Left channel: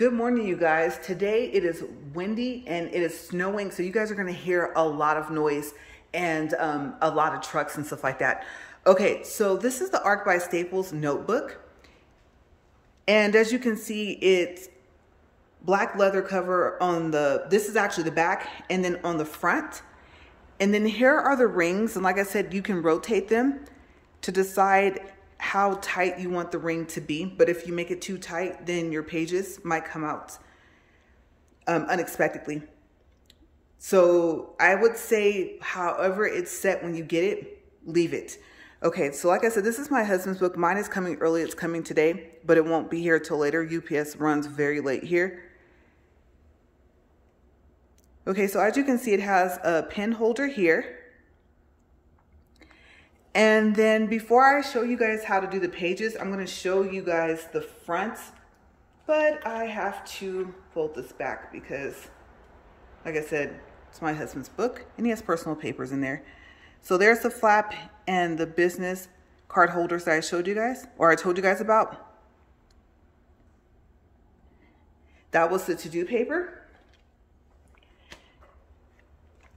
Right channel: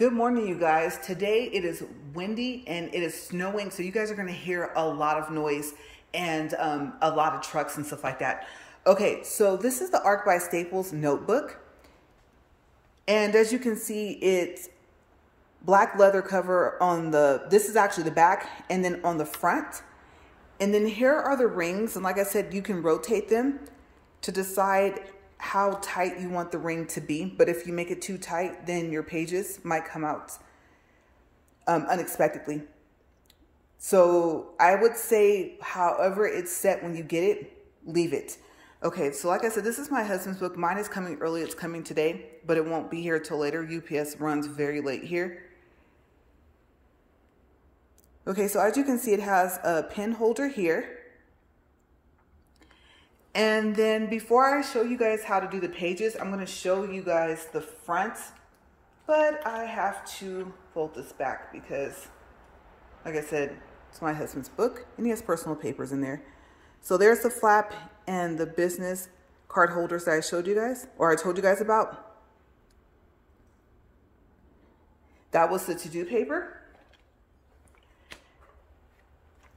Good morning, you guys. Today it is windy and it is snowing, so you guys are going to hear a lot of noise and a lot of trucks and stuff like that. Okay, so this is the Arc by Staples notebook. And as you can see, it's black leather cover on this is actually the back, and then on the front. And then here are the rings. And like I said, you can rotate them to decide how tight you want the ring to be. But if you make it too tight, then your pages might come out unexpectedly. So I would say, however it's set when you get it, leave it. Okay, so like I said, this is my husband's book. Mine is coming early. It's coming today, but it won't be here till later. UPS runs very late here. Okay, so as you can see, it has a pen holder here. And then before I show you guys how to do the pages, I'm going to show you guys the front. But I have to fold this back because, like I said, it's my husband's book and he has personal papers in there. So there's the flap and the business card holders that I showed you guys, or I told you guys about. That was the to-do paper.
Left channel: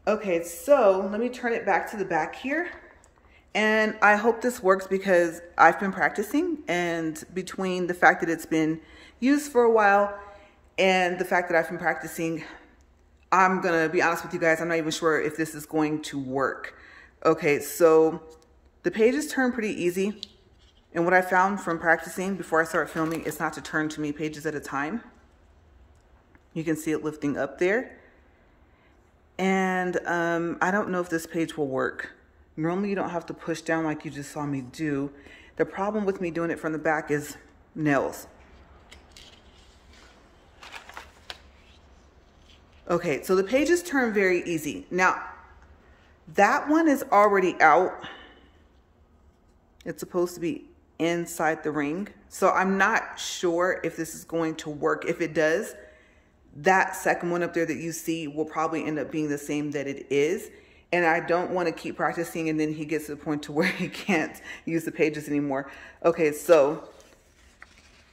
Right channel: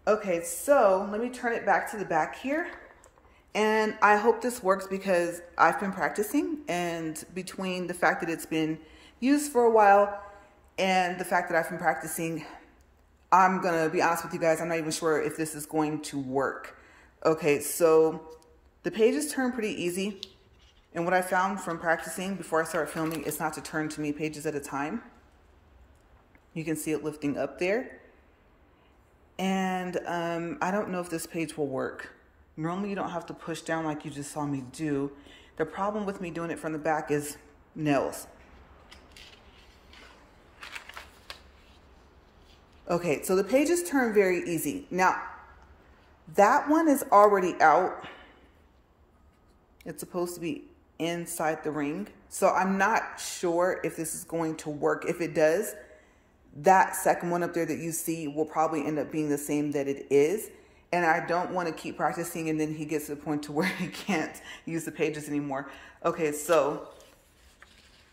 Okay, so let me turn it back to the back here. And I hope this works because I've been practicing, and between the fact that it's been used for a while and the fact that I've been practicing, I'm gonna be honest with you guys, I'm not even sure if this is going to work. Okay, so the pages turn pretty easy. And what I found from practicing before I start filming is not to turn too many pages at a time. You can see it lifting up there. And I don't know if this page will work. Normally you don't have to push down like you just saw me do. The problem with me doing it from the back is nails. Okay, so the pages turn very easy. Now, that one is already out. It's supposed to be inside the ring. So I'm not sure if this is going to work. If it does, that second one up there that you see will probably end up being the same that it is. And I don't want to keep practicing and then he gets to the point to where he can't use the pages anymore. Okay, so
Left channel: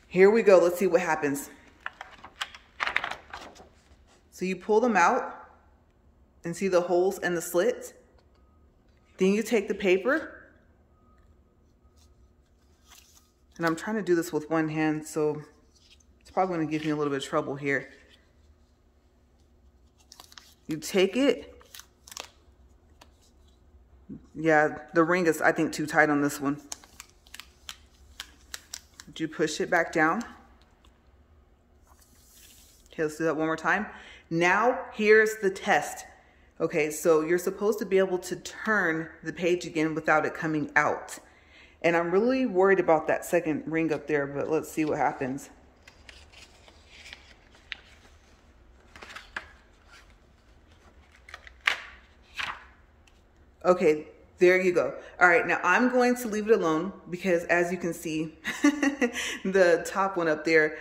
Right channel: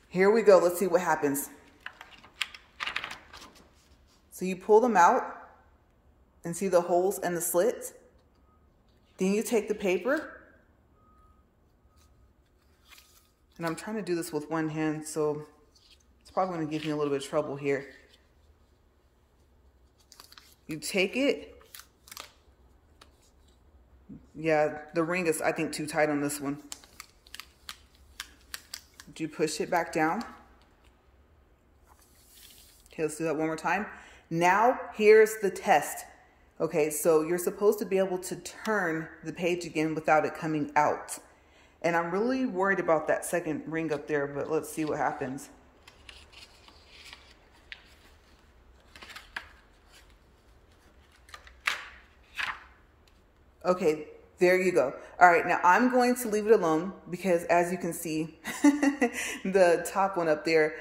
here we go. Let's see what happens. So you pull them out and see the holes and the slits. Then you take the paper. And I'm trying to do this with one hand, so it's probably going to give me a little bit of trouble here. You take it. Yeah, the ring is, I think, too tight on this one. You push it back down. Okay, let's do that one more time. Now, here's the test. Okay, so you're supposed to be able to turn the page again without it coming out. And I'm really worried about that second ring up there, but let's see what happens. Okay, there you go. All right, now I'm going to leave it alone because as you can see, the top one up there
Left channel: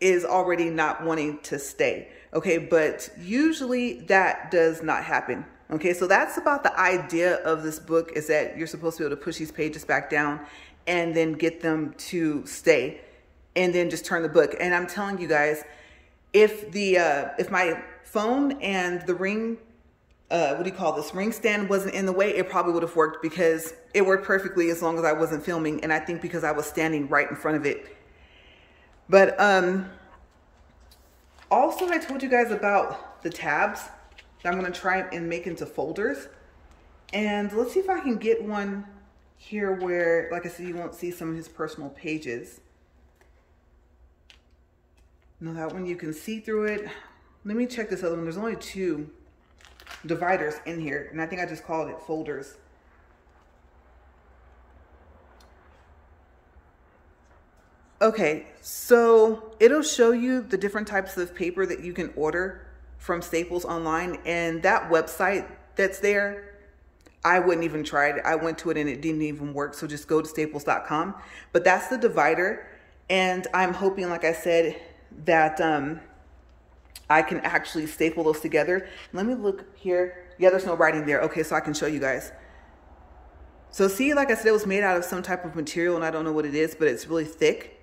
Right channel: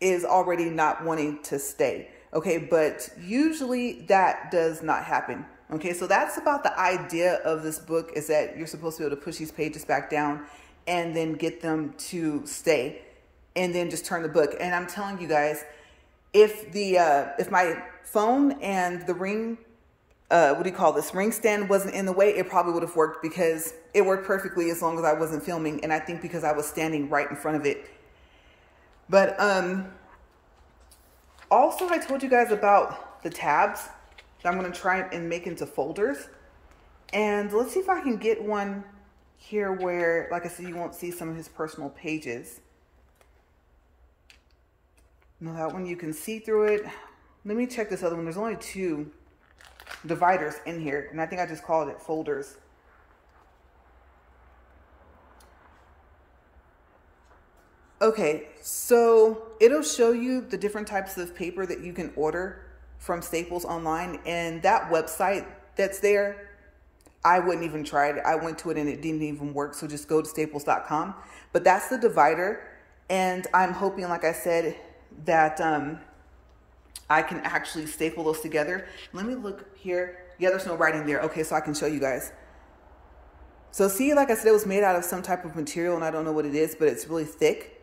is already not wanting to stay. Okay, but usually that does not happen. Okay, so that's about the idea of this book, is that you're supposed to be able to push these pages back down and then get them to stay and then just turn the book. And I'm telling you guys, if my phone and the ring, what do you call this, ring stand wasn't in the way, it probably would have worked because it worked perfectly as long as I wasn't filming. And I think because I was standing right in front of it. But also I told you guys about the tabs that I'm going to try and make into folders. And let's see if I can get one here where, like I said, you won't see some of his personal pages. No, that one you can see through it. Let me check this other one. There's only 2 dividers in here, and I think I just called it folders. Okay, so it'll show you the different types of paper that you can order from Staples online, and that website that's there, I wouldn't even try it. I went to it and it didn't even work, so just go to staples.com. But that's the divider, and I'm hoping, like I said, that I can actually staple those together. Let me look here. Yeah, there's no writing there. Okay, so I can show you guys. So see, like I said, it was made out of some type of material, and I don't know what it is, but it's really thick.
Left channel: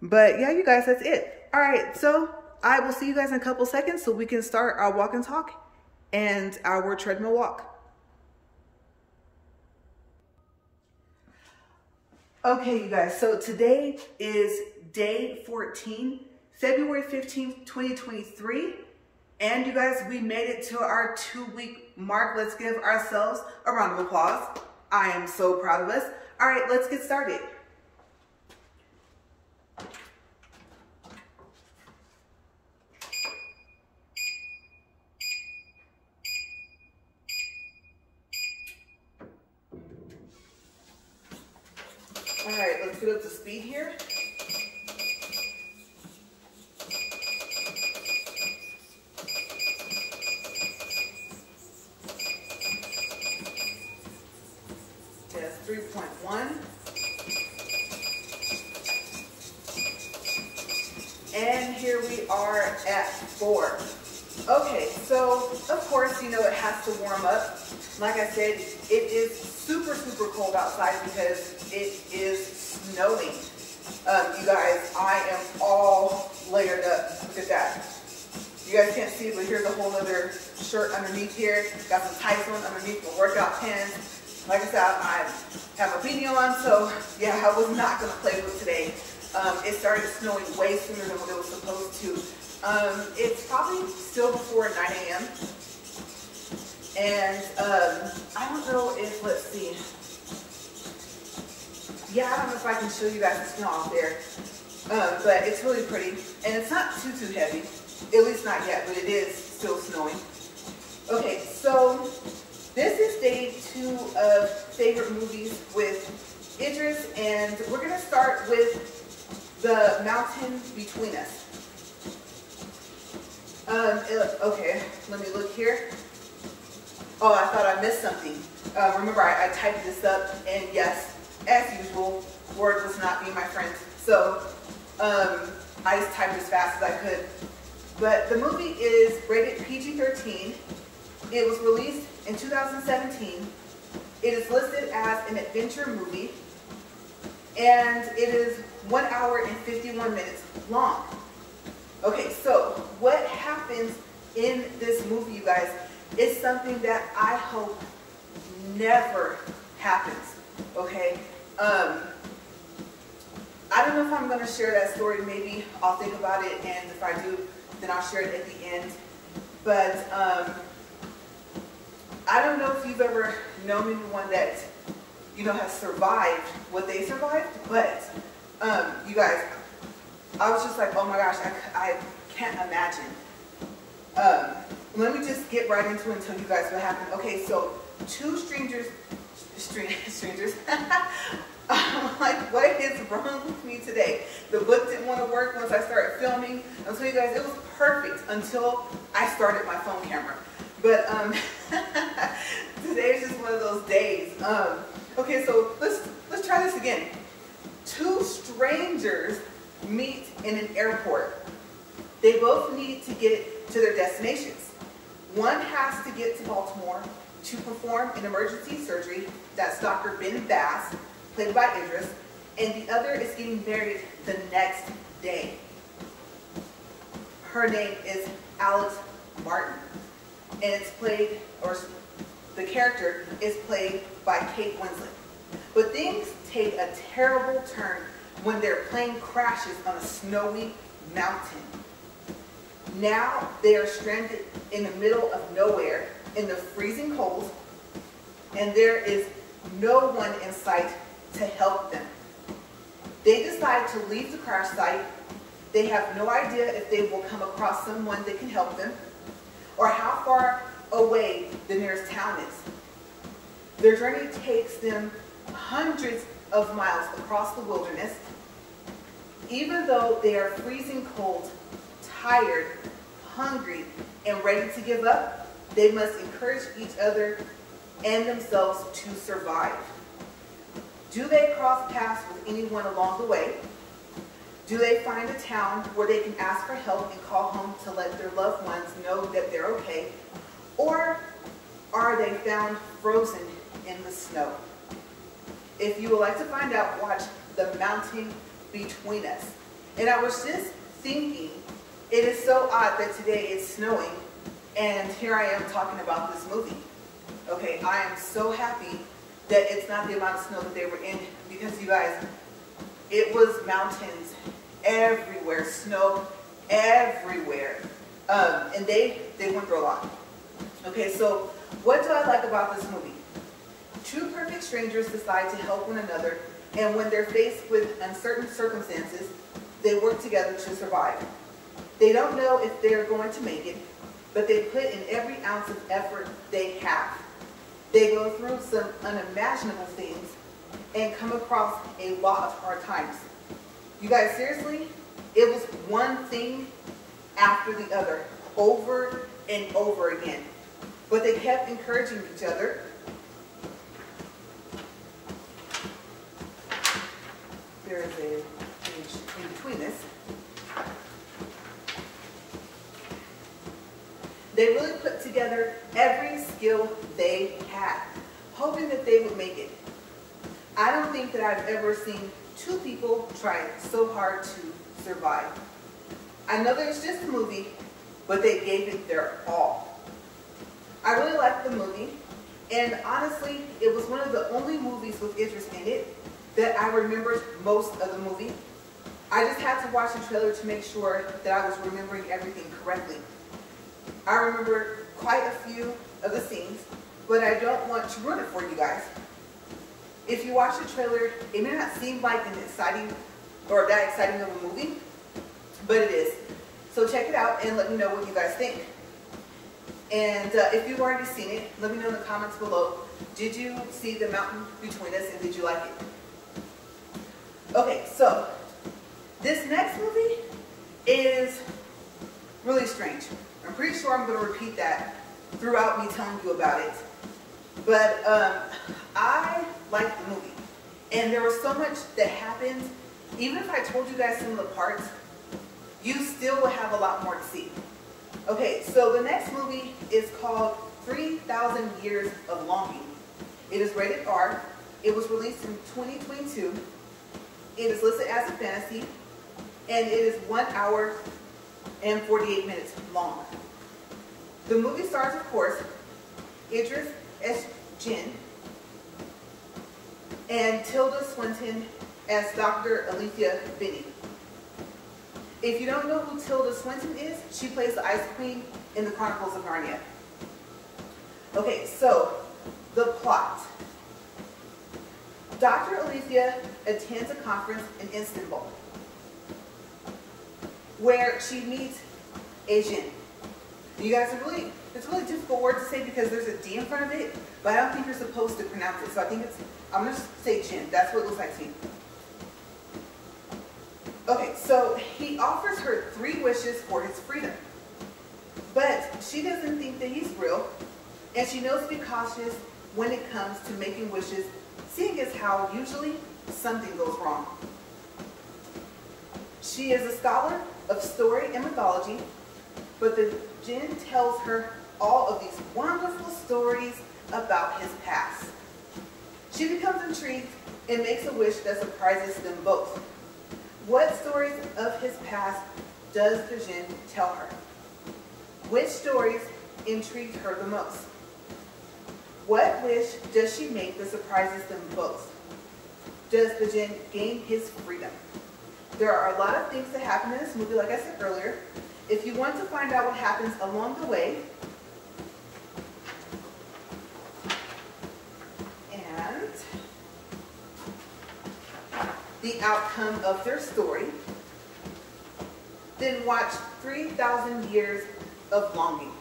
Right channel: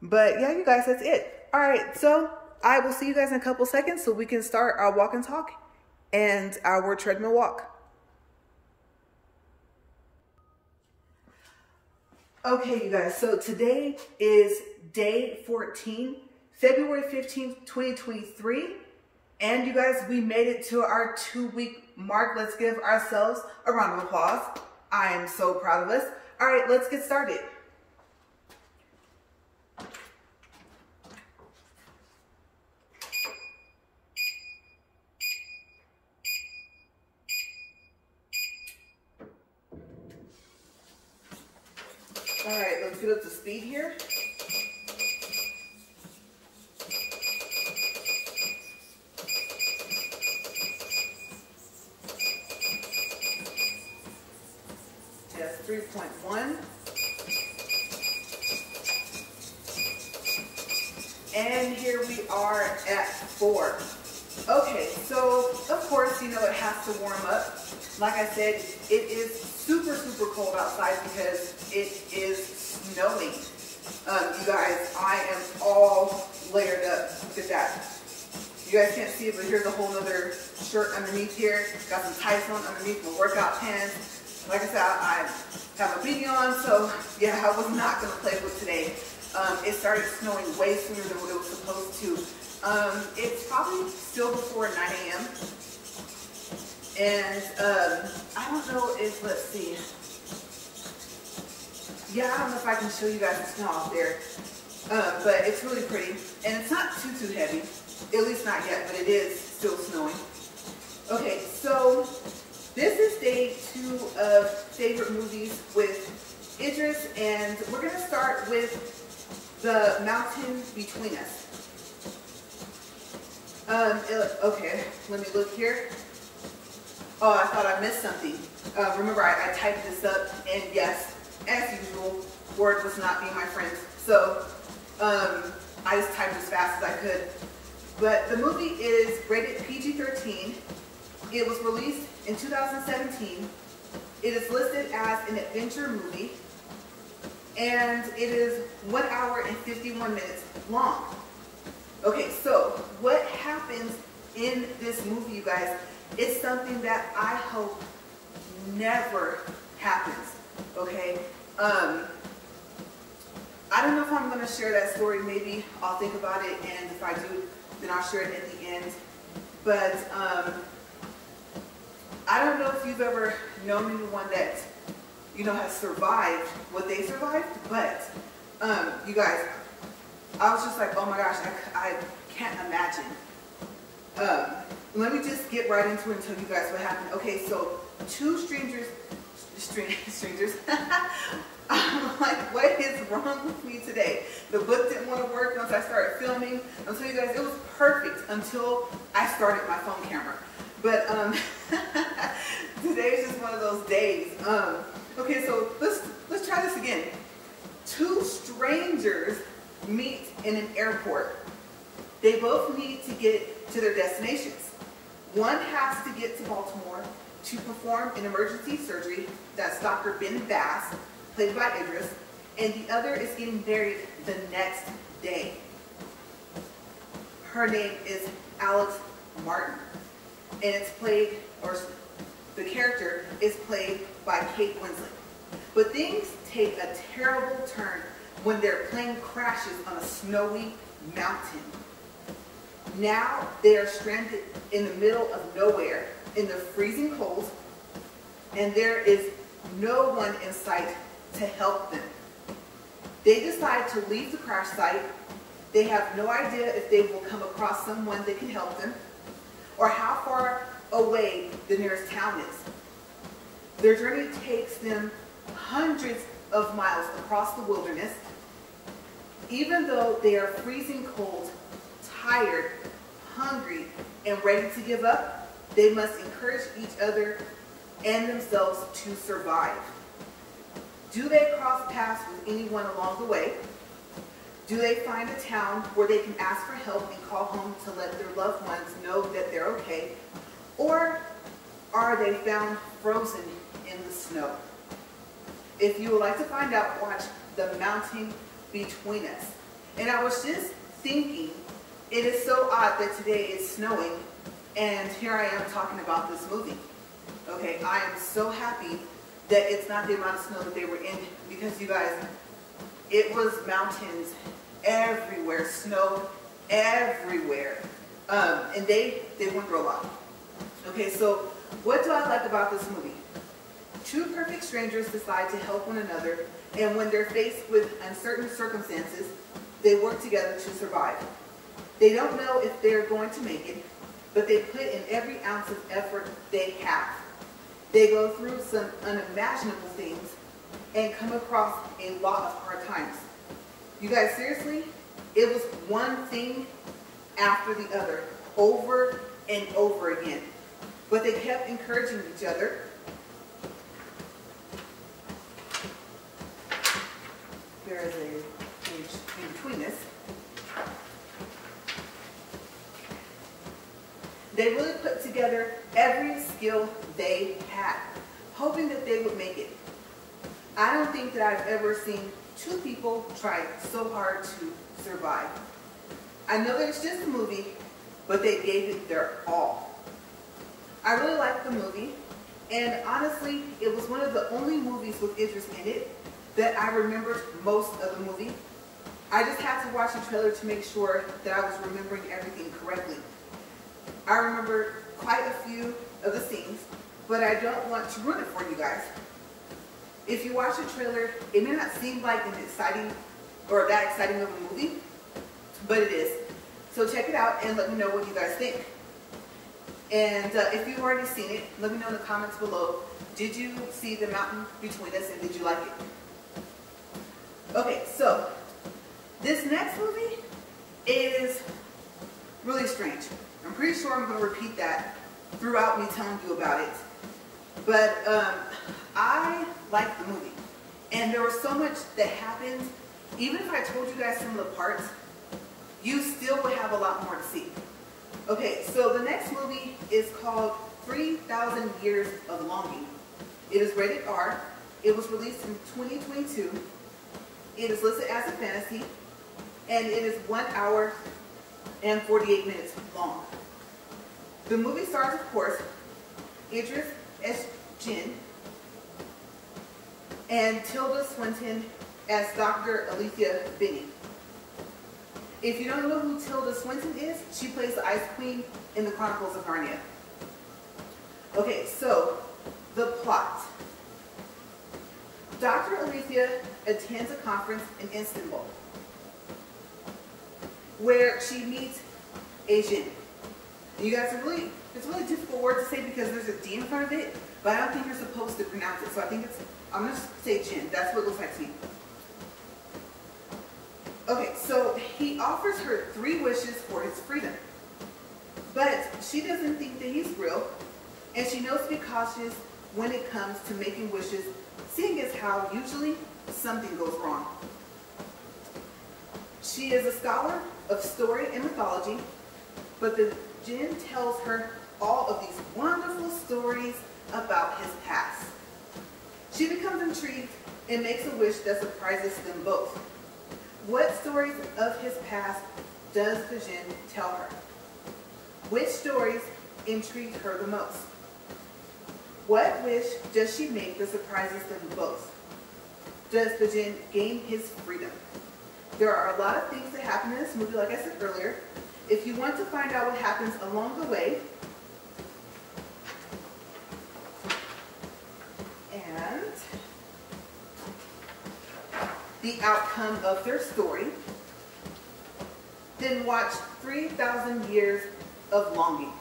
But yeah, you guys, that's it. All right, so I will see you guys in a couple seconds so we can start our walk and talk and our treadmill walk. Okay, you guys, so today is day 14, February 15th, 2023. And you guys, we made it to our 2-week mark. Let's give ourselves a round of applause. I am so proud of us. All right, let's get started. All right, let's get up to speed here. Okay, that's 3.1. And here we are at 4. Okay, so of course, you know, it has to warm up. Like I said, it is super, super cold outside because it is snowing. You guys, I am all layered up. Look at that. You guys can't see it, but here's a whole other shirt underneath here. Got some tights on underneath my workout pants. Like I said, I have a beanie on, so yeah, I was not gonna play with today. It started snowing way sooner than what it was supposed to. It's probably still before 9 a.m. And I don't know if, let's see. Yeah, I don't know if I can show you guys the snow out there. But it's really pretty. And it's not too heavy. At least not yet, but it is still snowing. Okay, so this is day 2 of favorite movies with Idris. And we're going to start with The Mountain Between Us. Okay, let me look here. Oh, I thought I missed something. Remember, I typed this up, and yes, as usual, Word was not being my friend. So, I just typed as fast as I could. But the movie is rated PG-13. It was released in 2017. It is listed as an adventure movie. And it is 1 hour and 51 minutes long. Okay, so what happens in this movie, you guys, it's something that I hope never happens, okay? I don't know if I'm going to share that story. Maybe I'll think about it, and if I do, then I'll share it at the end. But I don't know if you've ever known anyone that, you know, has survived what they survived, but you guys, I was just like, oh my gosh, I can't imagine. Let me just get right into it and tell you guys what happened. Okay, so 2 strangers, I'm like, what is wrong with me today? The book didn't want to work once I started filming. I'll tell you guys, it was perfect until I started my phone camera. But today is just one of those days. Okay, so let's try this again. 2 strangers meet in an airport. They both need to get to their destinations. One has to get to Baltimore to perform an emergency surgery. That's Dr. Ben Bass, played by Idris. And the other is getting married the next day. Her name is Alex Martin. And it's played, or the character is played by Kate Winslet. But things take a terrible turn when their plane crashes on a snowy mountain. Now they are stranded in the middle of nowhere in the freezing cold, and there is no one in sight to help them. They decide to leave the crash site. They have no idea if they will come across someone that can help them or how far away the nearest town is. Their journey takes them hundreds of miles across the wilderness. Even though they are freezing cold, tired, hungry, and ready to give up, they must encourage each other and themselves to survive. Do they cross paths with anyone along the way? Do they find a town where they can ask for help and call home to let their loved ones know that they're okay? Or are they found frozen in the snow? If you would like to find out, watch The Mountain Between Us. And I was just thinking, it is so odd that today it's snowing and here I am talking about this movie. Okay, I am so happy that it's not the amount of snow that they were in, because you guys, it was mountains everywhere, snow everywhere. And they went through a lot. Okay, so what do I like about this movie? Two perfect strangers decide to help one another, and when they're faced with uncertain circumstances, they work together to survive. They don't know if they're going to make it, but they put in every ounce of effort they have. They go through some unimaginable things and come across a lot of hard times. You guys, seriously, it was one thing after the other, over and over again. But they kept encouraging each other. There is a page in between this. They really put together every skill they had, hoping that they would make it. I don't think that I've ever seen two people try so hard to survive. I know that it's just a movie, but they gave it their all. I really liked the movie, and honestly, it was one of the only movies with Idris in it that I remembered most of the movie. I just had to watch the trailer to make sure that I was remembering everything correctly. I remember quite a few of the scenes, but I don't want to ruin it for you guys. If you watch the trailer, it may not seem like an exciting or that exciting of a movie, but it is. So check it out and let me know what you guys think. And if you've already seen it, let me know in the comments below. Did you see the mountain between us, and did you like it? Okay, so this next movie is really strange. I'm pretty sure I'm going to repeat that throughout me telling you about it. But I liked the movie. And there was so much that happened. Even if I told you guys some of the parts, you still would have a lot more to see. Okay, so the next movie is called 3,000 Years of Longing. It is rated R. It was released in 2022. It is listed as a fantasy. And it is 1 hour and 48 minutes long. The movie stars, of course, Idris as Jinn and Tilda Swinton as Dr. Alethea Binney. If you don't know who Tilda Swinton is, she plays the Ice Queen in the Chronicles of Narnia. Okay, so the plot. Dr. Alethea attends a conference in Istanbul where she meets a jinn. You guys, it's a really difficult word to say because there's a D in front of it, but I don't think you're supposed to pronounce it. So I think I'm going to say jinn. That's what it looks like to me. Okay, so he offers her 3 wishes for his freedom. But she doesn't think that he's real, and she knows to be cautious when it comes to making wishes, seeing as how usually something goes wrong. She is a scholar of story and mythology, but the jinn tells her all of these wonderful stories about his past. She becomes intrigued and makes a wish that surprises them both. What stories of his past does the jinn tell her? Which stories intrigued her the most? What wish does she make that surprises them both? Does the jinn gain his freedom? There are a lot of things that happen in this movie, like I said earlier. If you want to find out what happens along the way, and the outcome of their story, then watch 3,000 Years of Longing.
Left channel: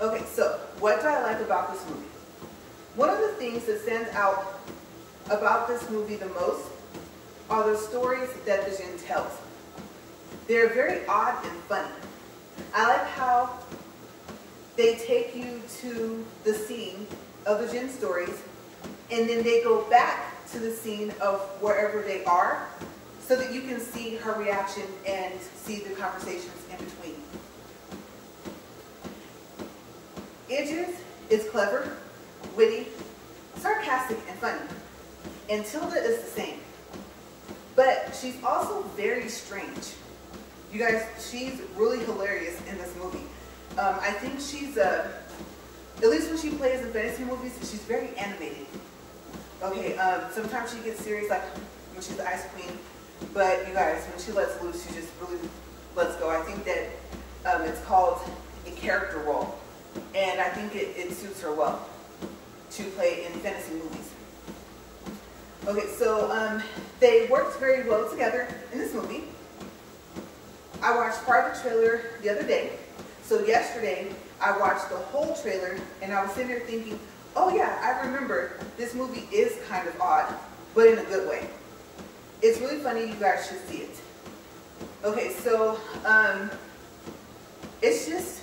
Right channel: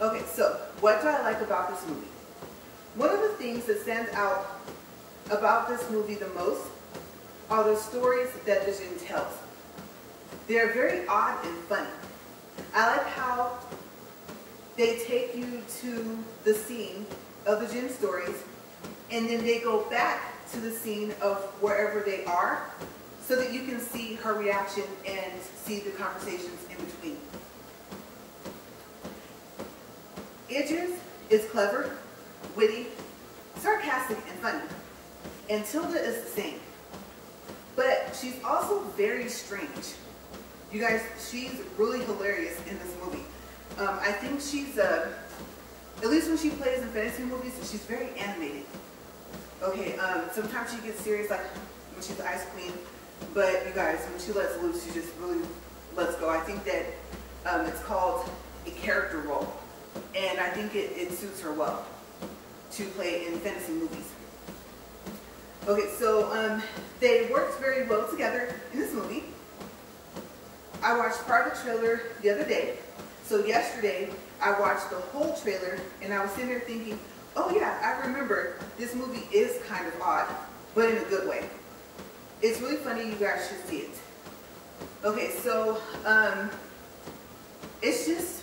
Okay, so what do I like about this movie? One of the things that stands out about this movie the most are the stories that the jinn tells. They're very odd and funny. I like how they take you to the scene of the jinn stories, and then they go back to the scene of wherever they are so that you can see her reaction and see the conversations in between. Idris is clever, witty, sarcastic, and funny. And Tilda is the same. but she's also very strange. You guys, she's really hilarious in this movie. I think she's, at least when she plays in fantasy movies, she's very animated. Okay, sometimes she gets serious, like when she's the Ice Queen, but you guys, when she lets loose, she just really lets go. I think that it's called a character role, and I think it suits her well to play in fantasy movies. Okay, so they worked very well together in this movie. I watched part of the trailer the other day. So yesterday, I watched the whole trailer, and I was sitting there thinking, oh yeah, I remember this movie is kind of odd, but in a good way. It's really funny, you guys should see it. Okay, so it's just,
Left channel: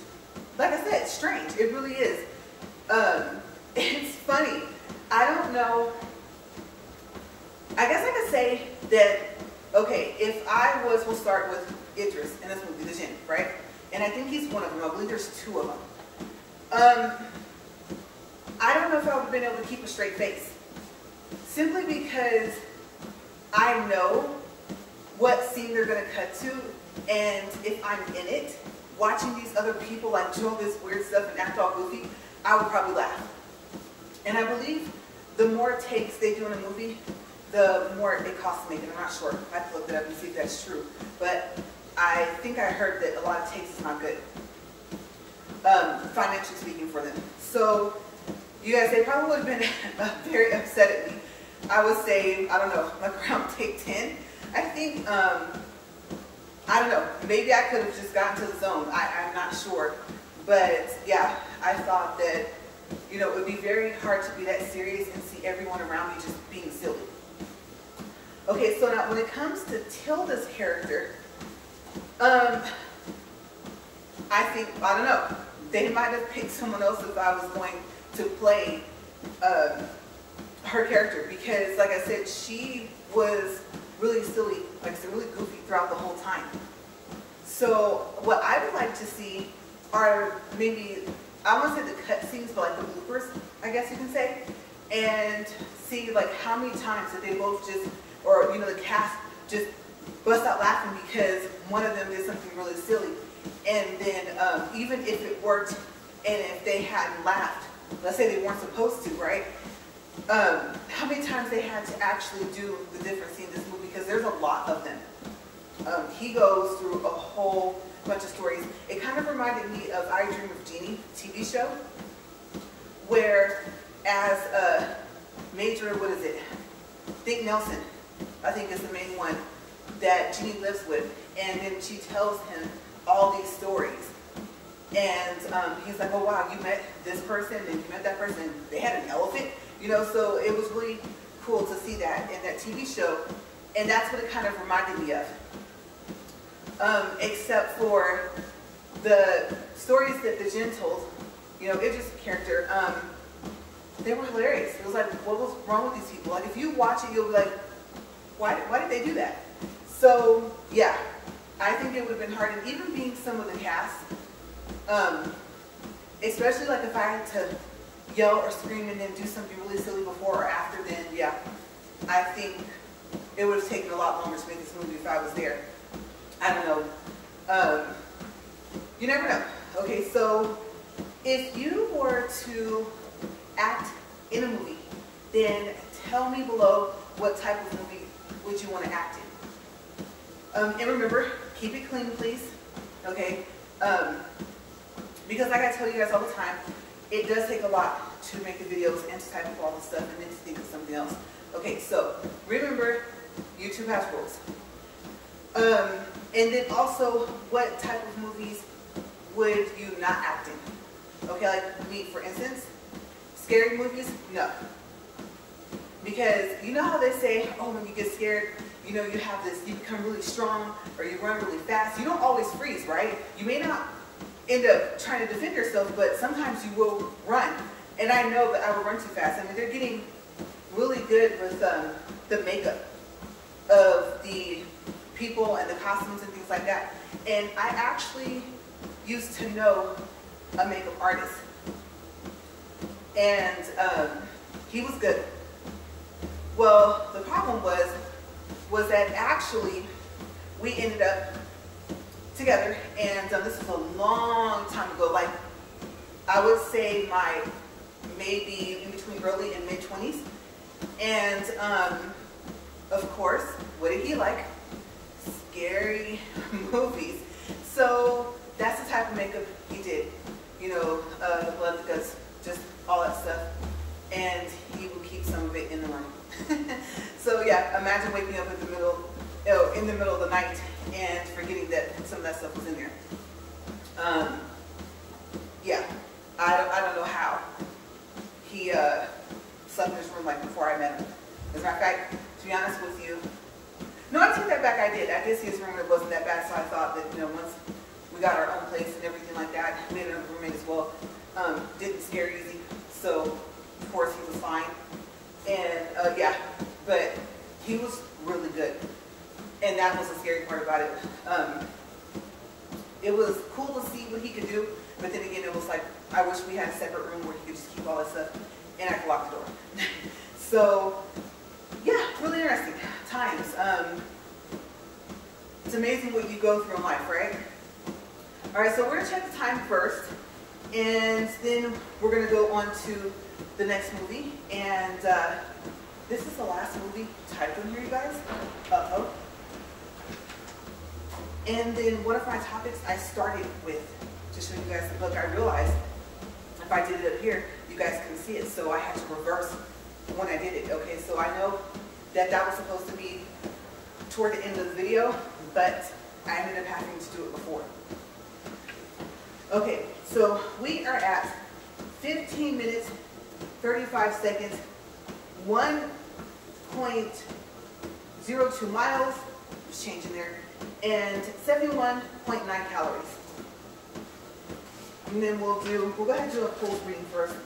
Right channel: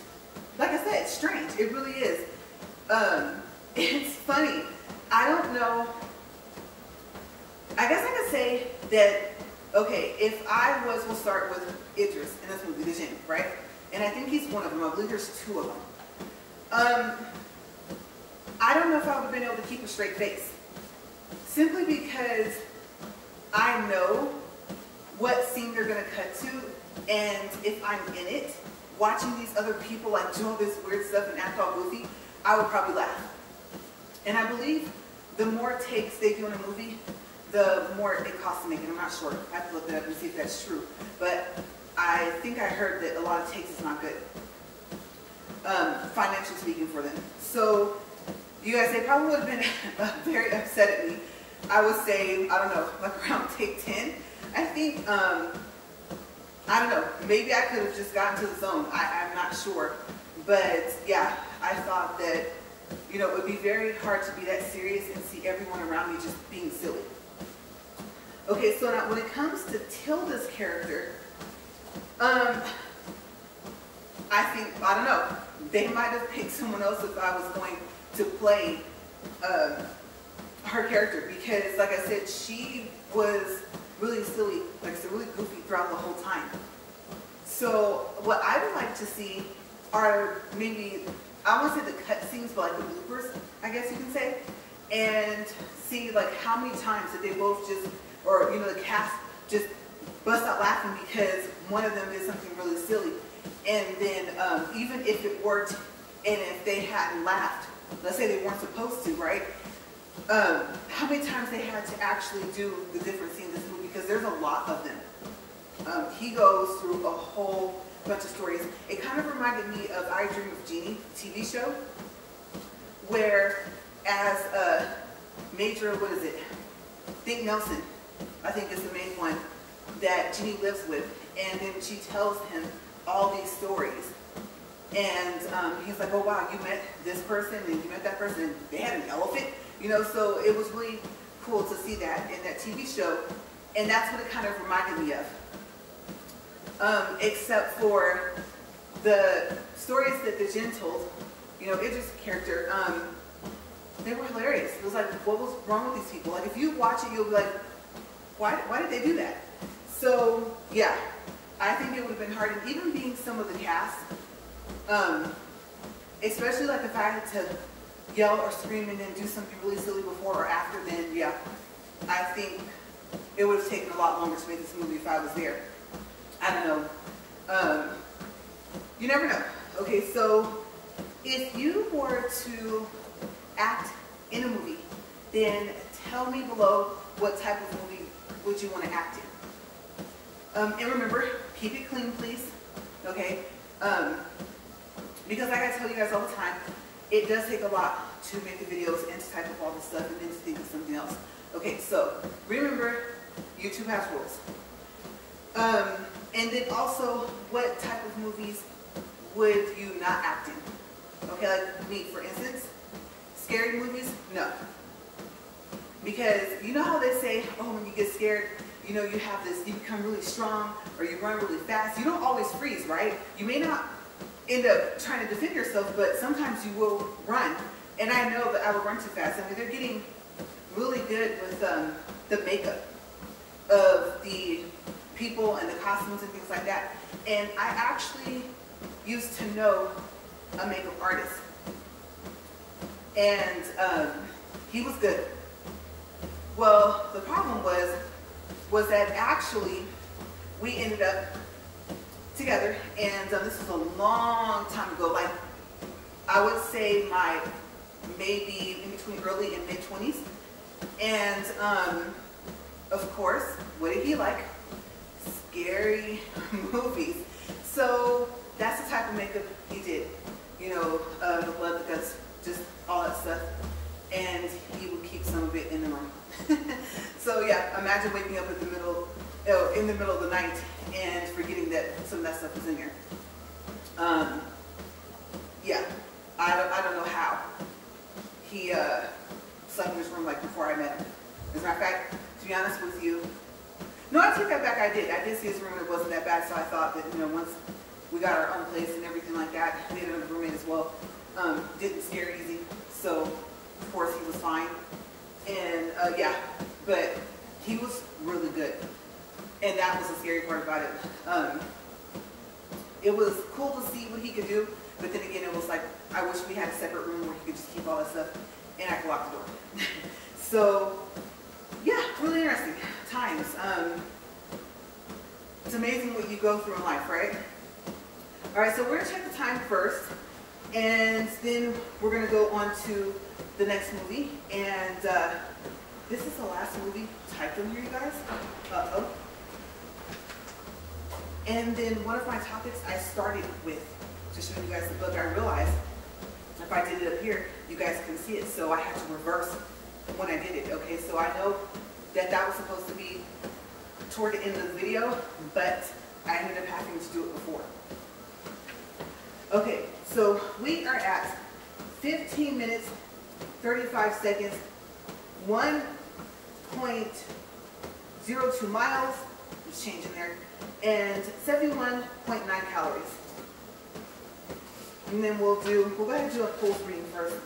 like I said, it's strange. It really is. It's funny. I don't know. I guess I could say that, okay, if I was, we'll start with Idris in this movie, the Jinn, right? And I think he's one of them. I believe there's two of them. I don't know if I would have been able to keep a straight face. Simply because I know what scene they're going to cut to, and if I'm in it, watching these other people like do all this weird stuff and act all goofy, I would probably laugh. And I believe the more takes they do in a movie, the more it costs to make it. I'm not sure. I have to look it up and see if that's true. But I think I heard that a lot of takes is not good, financially speaking, for them. So you guys, they probably would have been very upset at me. I would say, I don't know, like around take 10. I think, I don't know, maybe I could have just gotten to the zone. I'm not sure. But yeah, I thought that, you know, it would be very hard to be that serious and see everyone around me just being silly. Okay, so now when it comes to Tilda's character, I think, I don't know, they might have picked someone else if I was going to play her character, because like I said, she was really silly, like I said, really goofy throughout the whole time. So what I would like to see are maybe, I won't say the cut scenes, but like the bloopers, I guess you can say, and see like how many times that they both just, or you know, the cast just bust out laughing because one of them did something really silly. And then even if it worked, and if they hadn't laughed, let's say they weren't supposed to, right? How many times they had to actually do the different scenes in this movie, because there's a lot of them. He goes through a whole bunch of stories. It kind of reminded me of I Dream of Jeannie TV show, where as Major, what is it? Think Nelson, I think is the main one that Jeannie lives with, and then she tells him all these stories. And he's like, oh wow, you met this person and you met that person and they had an elephant, you know, so it was really cool to see that in that TV show, and that's what it kind of reminded me of. Except for the stories that the Jinn told, you know, Idris' character, they were hilarious. It was like, what was wrong with these people? Like, if you watch it, you'll be like, why did they do that? So, yeah, I think it would have been hard, and even being some of the cast, especially like if I had to yell or scream and then do something really silly before or after, then yeah, I think it would have taken a lot longer to make this movie if I was there. I don't know. You never know. Okay, so if you were to act in a movie, then tell me below what type of movie would you want to act in. And remember, keep it clean, please. Okay? Because like I tell you guys all the time, it does take a lot to make the videos and to type up all the stuff and then to think of something else. Okay, so remember, YouTube has rules. And then also, what type of movies would you not act in? Okay, like me, for instance, scary movies, no. Because you know how they say, oh, when you get scared, you know, you have this, you become really strong, or you run really fast. You don't always freeze, right? You may not end up trying to defend yourself, but sometimes you will run. And I know that I will run too fast. I mean, they're getting really good with the makeup of the people and the costumes and things like that. And I actually used to know a makeup artist. And he was good. Well, the problem was was that actually we ended up together, and this was a long time ago, like I would say my maybe in between early and mid 20s. And of course, what did he like? Scary movies. So that's the type of makeup he did, you know, the blood, the guts, just all that stuff. And he would keep some of it in the room. So yeah, imagine waking up in the middle of the night and forgetting that some of that stuff was in there. Yeah, I don't know how he slept in his room like before I met him. As a matter of fact, to be honest with you, no, I take that back. I did see his room. It wasn't that bad, so I thought that, you know, once we got our own place and everything like that, we had another roommate as well. Didn't scare easy, so of course he was fine. And yeah, but he was really good, and that was the scary part about it. It was cool to see what he could do, but then again, it was like I wish we had a separate room where he could just keep all that stuff, and I could lock the door. So yeah, really interesting times. It's amazing what you go through in life, right? All right, so we're gonna check the time first, and then we're gonna go on to the next movie. And this is the last movie typed in here, you guys. Uh-oh. And then one of my topics I started with, to show you guys the book. I realized if I did it up here, you guys couldn't see it, so I had to reverse when I did it. Okay, so I know that that was supposed to be toward the end of the video, but I ended up having to do it before. Okay, so we are at 15 minutes, 35 seconds, 1.02 miles, was changing there, and 71.9 calories. And then we'll go ahead and do a pulse reading first,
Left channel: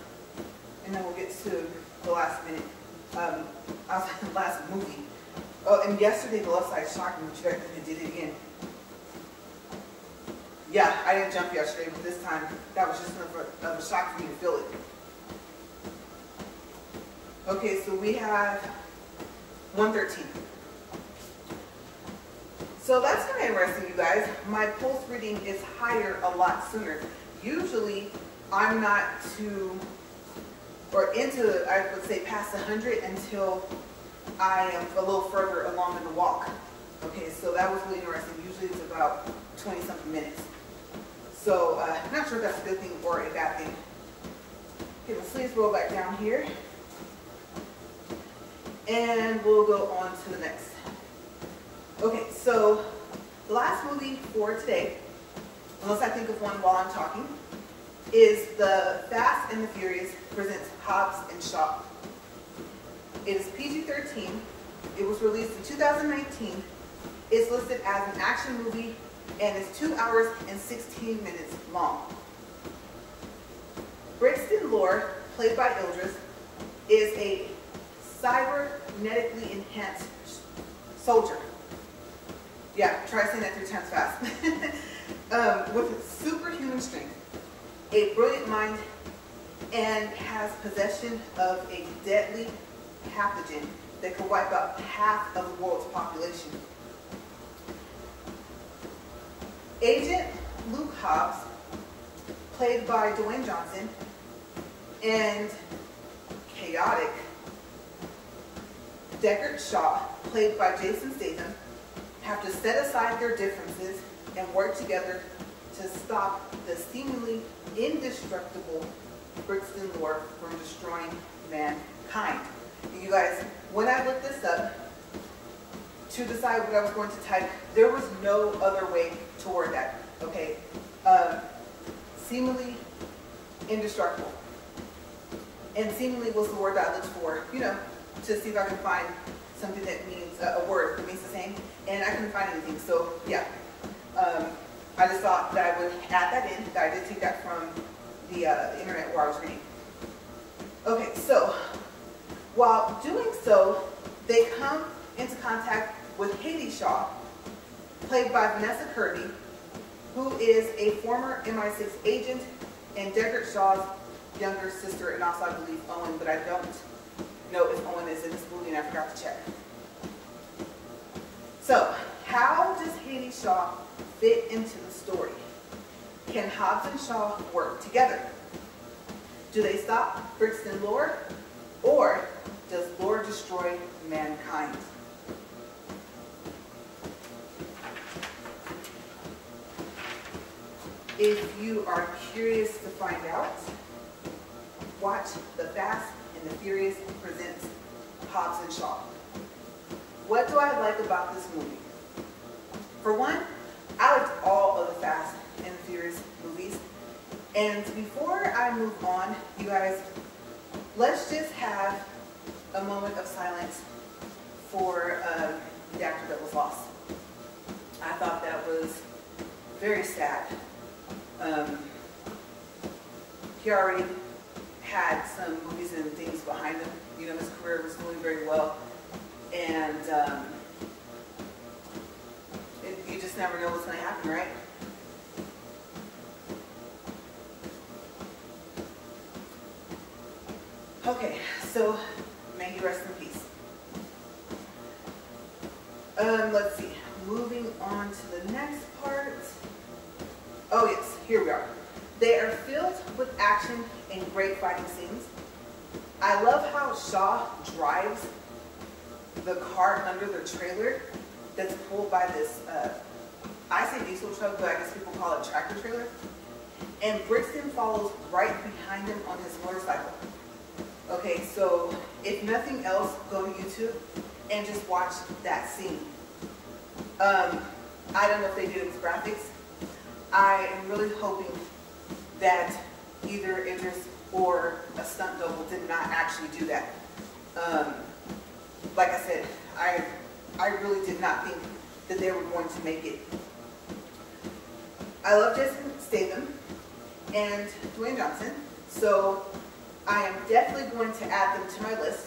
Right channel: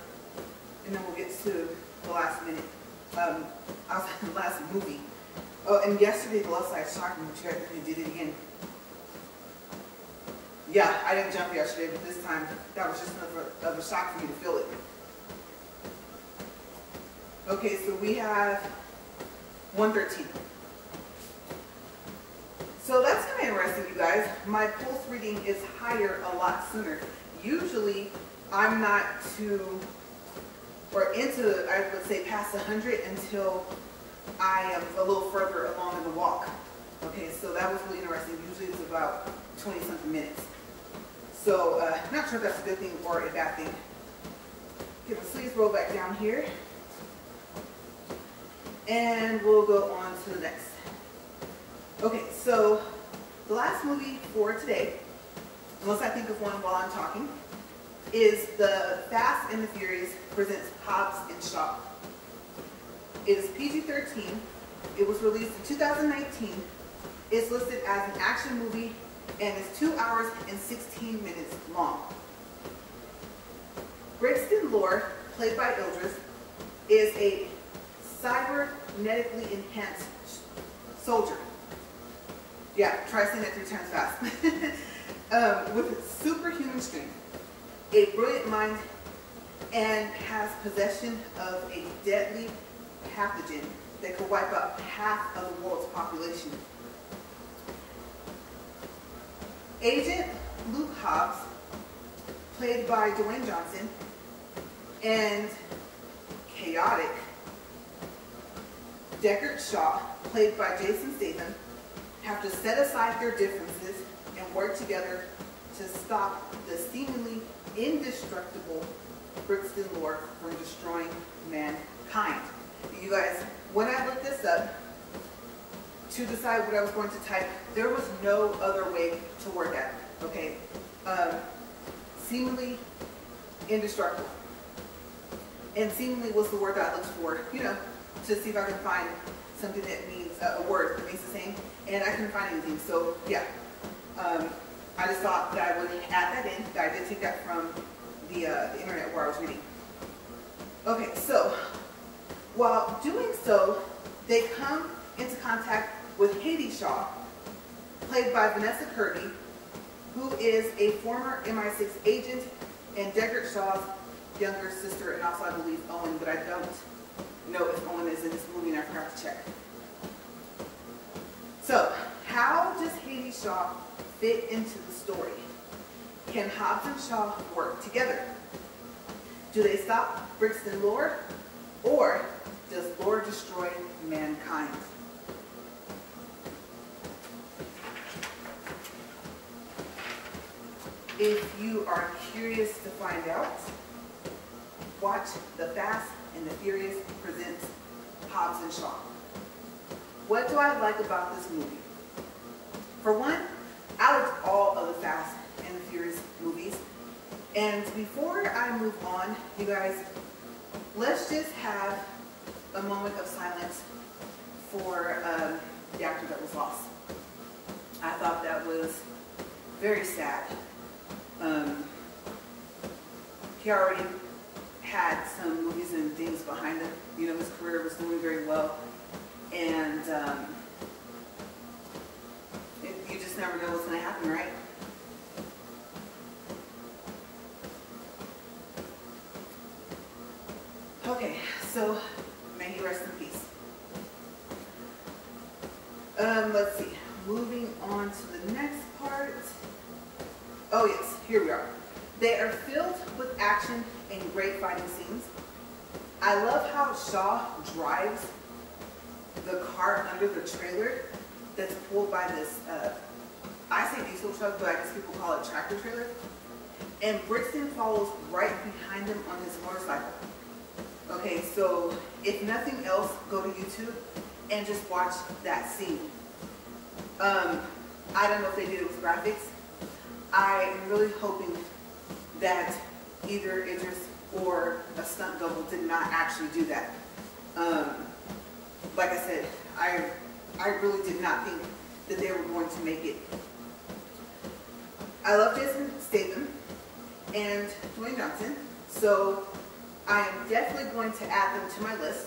and then we'll get to the last minute. I was at the last movie. Oh, and yesterday the left side shocked me, but you guys did it again. Yeah, I didn't jump yesterday, but this time that was just enough of a shock for me to feel it. Okay, so we have 113. So that's kind of interesting, you guys. My pulse reading is higher a lot sooner. Usually, I'm not too, or into, I would say, past 100 until I am a little further along in the walk. Okay, so that was really interesting. Usually it's about 20-something minutes. So, I'm not sure if that's a good thing or a bad thing. Okay, the sleeves roll back down here. And we'll go on to the next. Okay, so the last movie for today, unless I think of one while I'm talking, is The Fast and the Furious presents Hobbs and Shaw. It is PG-13. It was released in 2019. It's listed as an action movie and is 2 hours and 16 minutes long. Brixton Lore, played by Idris, is a cybernetically enhanced soldier. Yeah, try saying that 3 times fast. With superhuman strength, a brilliant mind, and has possession of a deadly pathogen that could wipe out half of the world's population. Agent Luke Hobbs, played by Dwayne Johnson, and chaotic Deckard Shaw, played by Jason Statham, have to set aside their differences and work together to stop the seemingly indestructible Brixton Lore from destroying mankind. And you guys, when I looked this up to decide what I was going to type, there was no other way to word that, okay? Seemingly indestructible. And seemingly was the word that I looked for, you know, to see if I could find something that means, a word that means the same, and I couldn't find anything. So yeah, I just thought that I would add that in, that I did take that from the internet where I was reading. Okay, so while doing so, they come into contact with Haiti Shaw, played by Vanessa Kirby, who is a former MI6 agent and Deckard Shaw's younger sister, and also I believe Owen, but I don't know if Owen is in this movie and I forgot to check. So, how does Haiti Shaw fit into the story? Can Hobbs and Shaw work together? Do they stop Brixton lore, or does lore destroy mankind? If you are curious to find out, watch The Fast and the Furious presents Hobbs and Shaw. What do I like about this movie? For one, I liked all of the Fast and the Furious movies. And before I move on, you guys, let's just have a moment of silence for the actor that was lost. I thought that was very sad. He already had some movies and things behind him. You know, his career was doing very well. And you just never know what's going to happen, right? Okay, so may he rest in peace. Let's see. Moving on to the next part. Oh yes, here we are. They are filled with action and great fighting scenes. I love how Shaw drives the car under the trailer that's pulled by this, I say diesel truck, but I guess people call it tractor trailer. And Brixton follows right behind him on his motorcycle. Okay, so if nothing else, go to YouTube and just watch that scene. I don't know if they did it with graphics. I am really hoping that either Idris or a stunt double did not actually do that. Like I said, I really did not think that they were going to make it. I love Jason Statham and Dwayne Johnson, so I am definitely going to add them to my list.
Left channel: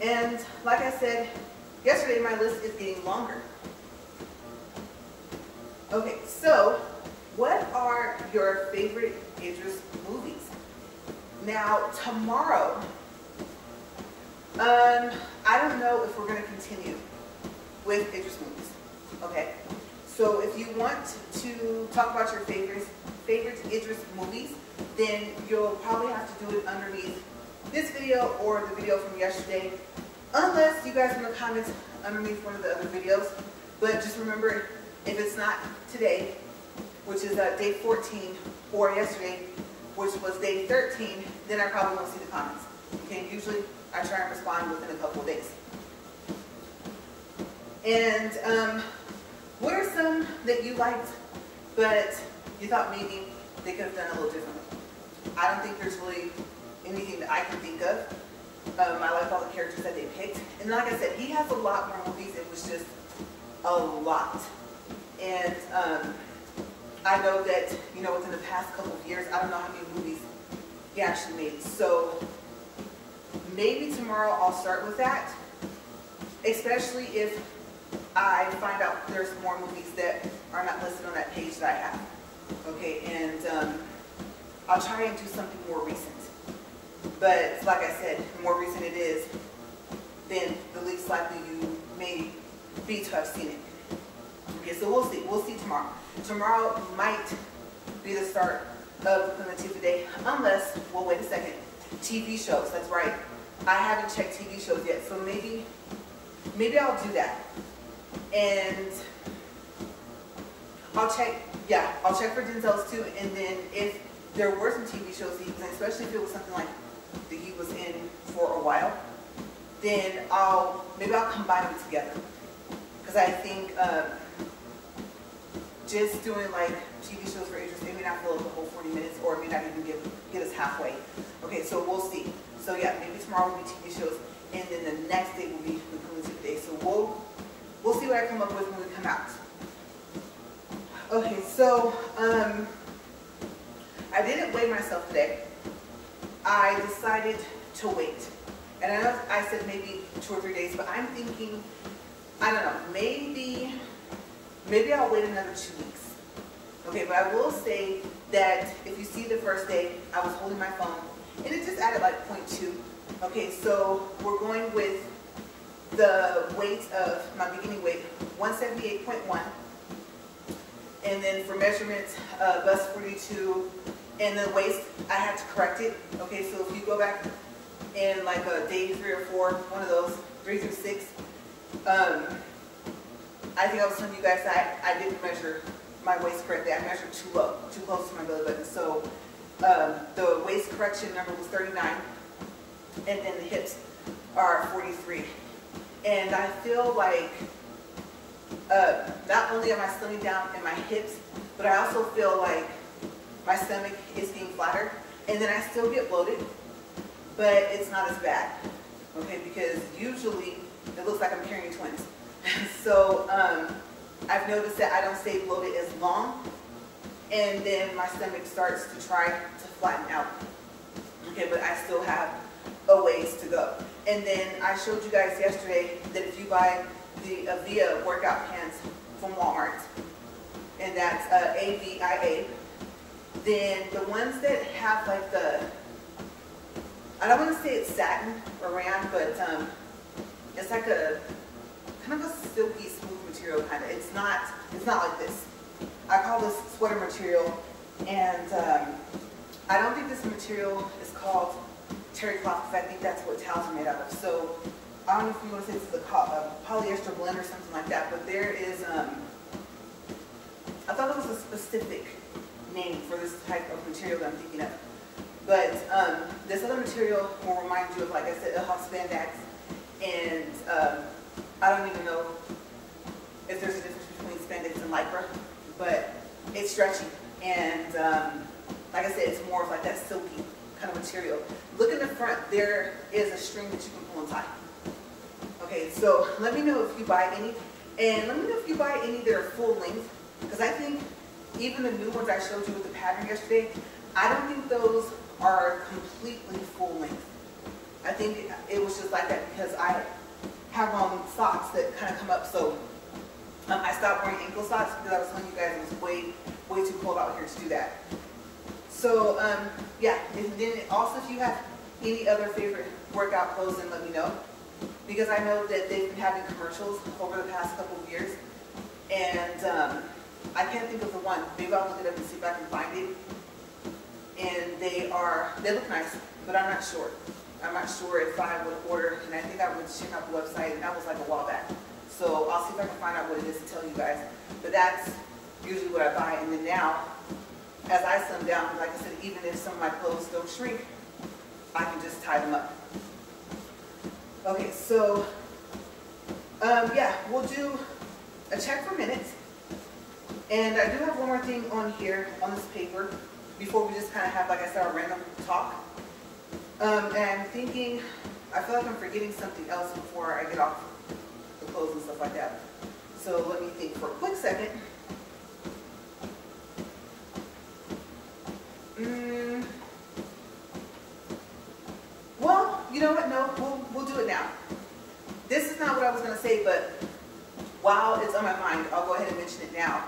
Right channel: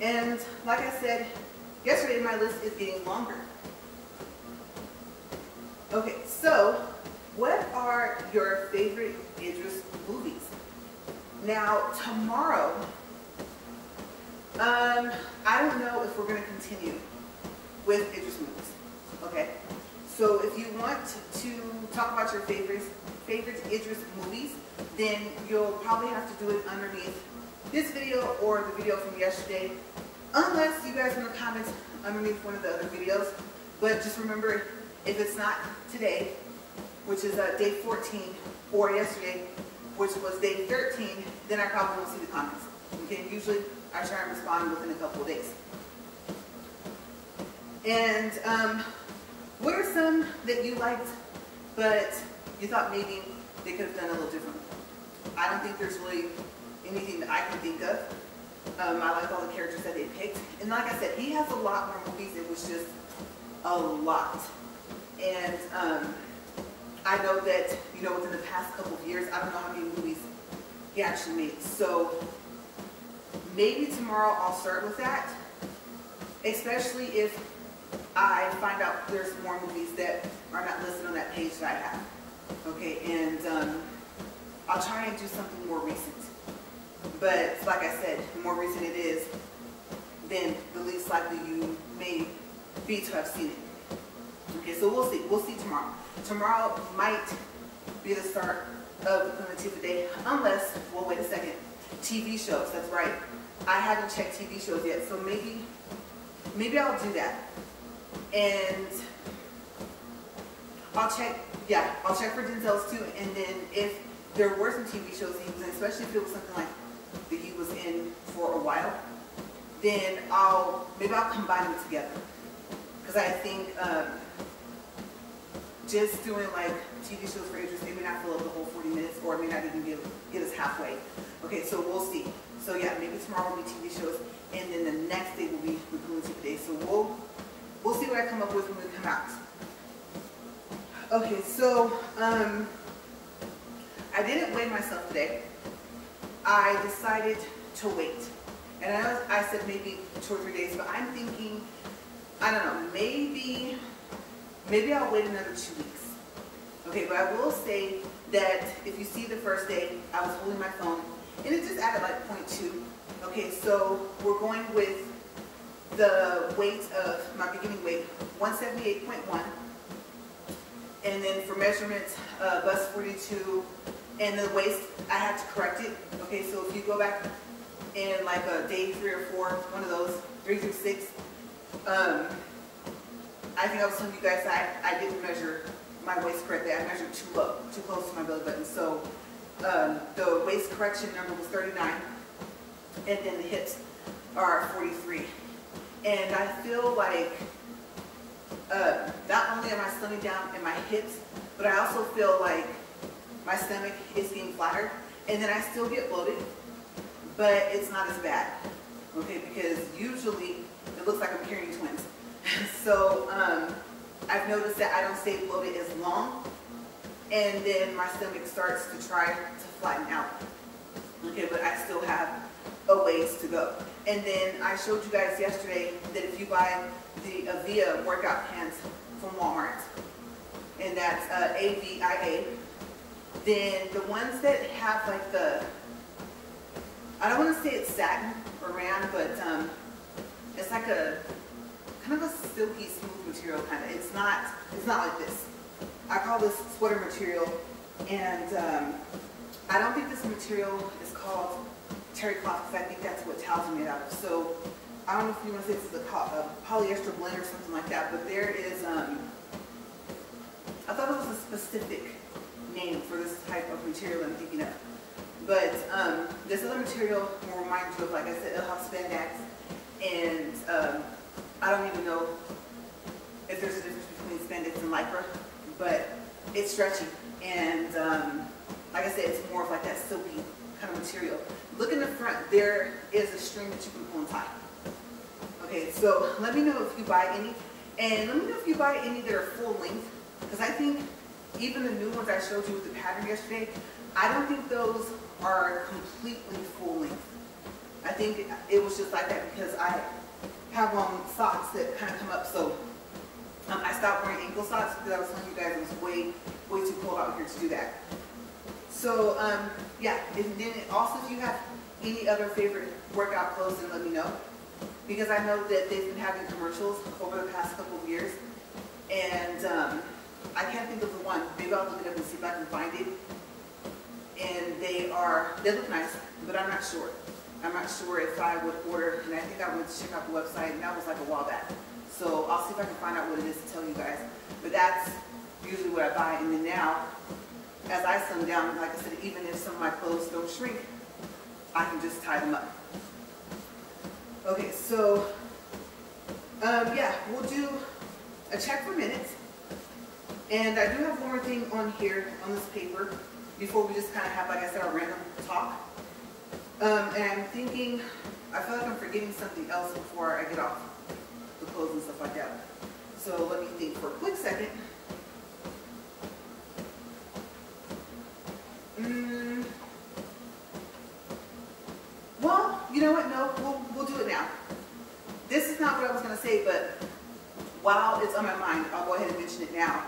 And like I said yesterday, my list is getting longer. Okay, so what are your favorite Idris movies? Now, tomorrow, I don't know if we're going to continue with Idris movies, okay? So if you want to talk about your favorite Idris movies, then you'll probably have to do it underneath this video or the video from yesterday, unless you guys want to comment underneath one of the other videos. But just remember, if it's not today, which is day 14, or yesterday, which was day 13, then I probably won't see the comments. Okay, usually I try and respond within a couple of days. And what are some that you liked, but you thought maybe they could have done a little differently? I don't think there's really anything that I can think of. I liked all the characters that they picked. And like I said, he has a lot more movies. It was just a lot. And I know that, you know, within the past couple of years, I don't know how many movies he actually made. So maybe tomorrow I'll start with that, especially if I find out there's more movies that are not listed on that page that I have. Okay, and I'll try and do something more recent. But like I said, the more recent it is, then the least likely you may be to have seen it. Okay, so we'll see. We'll see tomorrow. Tomorrow might be the start of the Latifah Day, unless, well, wait a second, TV shows. That's right. I haven't checked TV shows yet, so maybe I'll do that. And I'll check for Denzel's too. And then if there were some TV shows he was in, especially if it was something like that he was in for a while, then maybe I'll combine them together. Because I think just doing like TV shows for Idris, maybe not fill up the whole 40 minutes, or it may not even get us halfway. Okay, so we'll see. So yeah, maybe tomorrow will be TV shows, and then the next day will be Latifah Day. So we'll see what I come up with when we come out. Okay, so I didn't weigh myself today. I decided to wait. And I know I said maybe 2 or 3 days, but I'm thinking, I don't know, maybe I'll wait another 2 weeks. Okay, but I will say that if you see the first day, I was holding my phone, and it just added like 0.2. Okay, so we're going with the weight of my beginning weight, 178.1. And then for measurements, bust 42. And the waist, I had to correct it. Okay, so if you go back in like a day 3 or 4, one of those, 3 through 6, I think I was telling you guys that I didn't measure my waist correctly. I measured too low, too close to my belly button. So the waist correction number was 39, and then the hips are 43. And I feel like not only am I slimming down in my hips, but I also feel like my stomach is getting flatter, and then I still get bloated, but it's not as bad, okay, because usually it looks like I'm carrying twins. So I've noticed that I don't stay bloated as long, and then my stomach starts to try to flatten out, okay, but I still have a ways to go. And then I showed you guys yesterday that if you buy the Avia workout pants from Walmart, and that's Avia, then the ones that have like the, I don't want to say it's satin or rayon, but it's like a kind of a silky smooth material kind of. It's not like this. I call this sweater material, and I don't think this material is called terry cloth because I think that's what towels are made out of. So I don't know if you want to say this is a polyester blend or something like that, but there is, I thought there was a specific name for this type of material that I'm thinking of. But this other material will remind you of, like I said, it'll have spandex, and I don't even know if there's a difference between spandex and lycra, but it's stretchy, and like I said, it's more of like that silky kind of material. Look in the front, there is a string that you can pull and tie. Okay, so let me know if you buy any, and let me know if you buy any that are full length, because I think even the new ones I showed you with the pattern yesterday, I don't think those are completely full length. I think it was just like that because I have on socks that kind of come up, so I stopped wearing ankle socks because I was telling you guys it was way too cold out here to do that. So yeah, and then also if you have any other favorite workout clothes, then let me know, because I know that they've been having commercials over the past couple of years, and I can't think of the one. Maybe I'll look it up and see if I can find it. And they look nice, but I'm not sure. I'm not sure if I would order, and I think I went to check out the website, and that was like a while back. So I'll see if I can find out what it is to tell you guys. But that's usually what I buy. And then now, as I slim down, like I said, even if some of my clothes don't shrink, I can just tie them up. Okay, so yeah, we'll do a check for minutes. And I do have one more thing on here, on this paper, before we just kind of have, like I said, our random talk. And I'm thinking, I feel like I'm forgetting something else before I get off the clothes and stuff like that. So let me think for a quick second. Well, you know what? No, we'll do it now. This is not what I was going to say, but while it's on my mind, I'll go ahead and mention it now.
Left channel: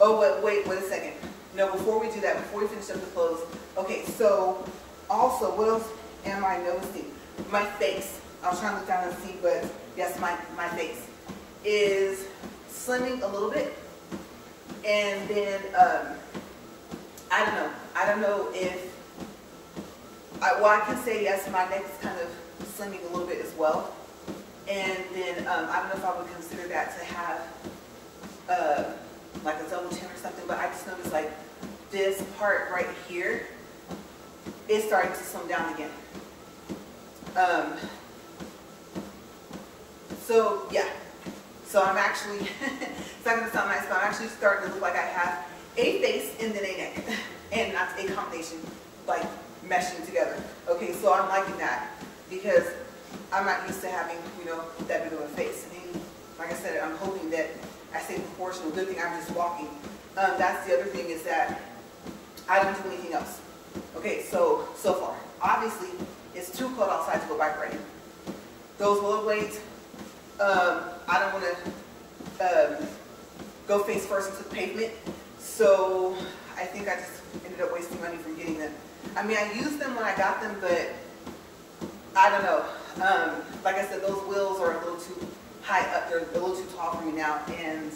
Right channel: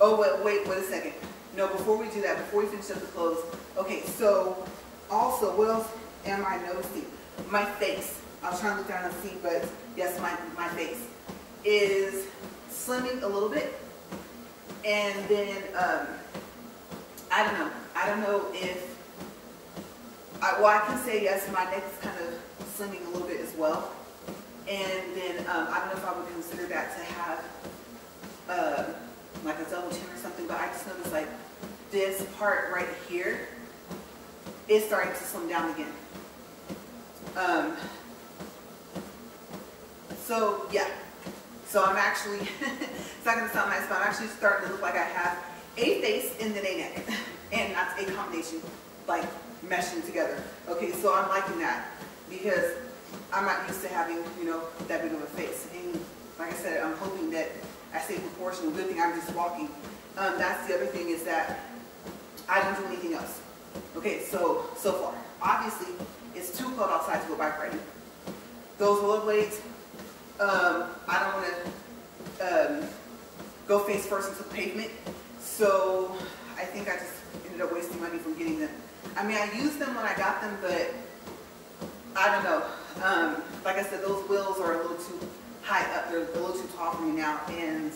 Oh, wait a second. No, before we do that, before we finish up the clothes. Okay, so also, what else am I noticing? My face. I was trying to look down and see, but yes, my face is slimming a little bit. And then, I don't know if, well, I can say yes, my neck is kind of slimming a little bit as well. And then, I don't know if I would consider that to have, like a double chin or something, but I just noticed like this part right here is starting to slim down again. So yeah, so I'm actually, it's not gonna sound nice, but I'm actually starting to look like I have a face and then a neck, and not a combination, like meshing together. Okay, so I'm liking that because I'm not used to having, you know, that big of a face. And like I said, I'm hoping that I stay proportional. Good thing I'm just walking. That's the other thing, is that I don't do anything else. Okay, so far, obviously, it's too cold outside to go bike riding. Those rollerblades, I don't want to go face first into the pavement, so I think I just ended up wasting money from getting them. I mean, I used them when I got them, but I don't know. Like I said, those wheels are a little too high up. They're a little too tall for me now. And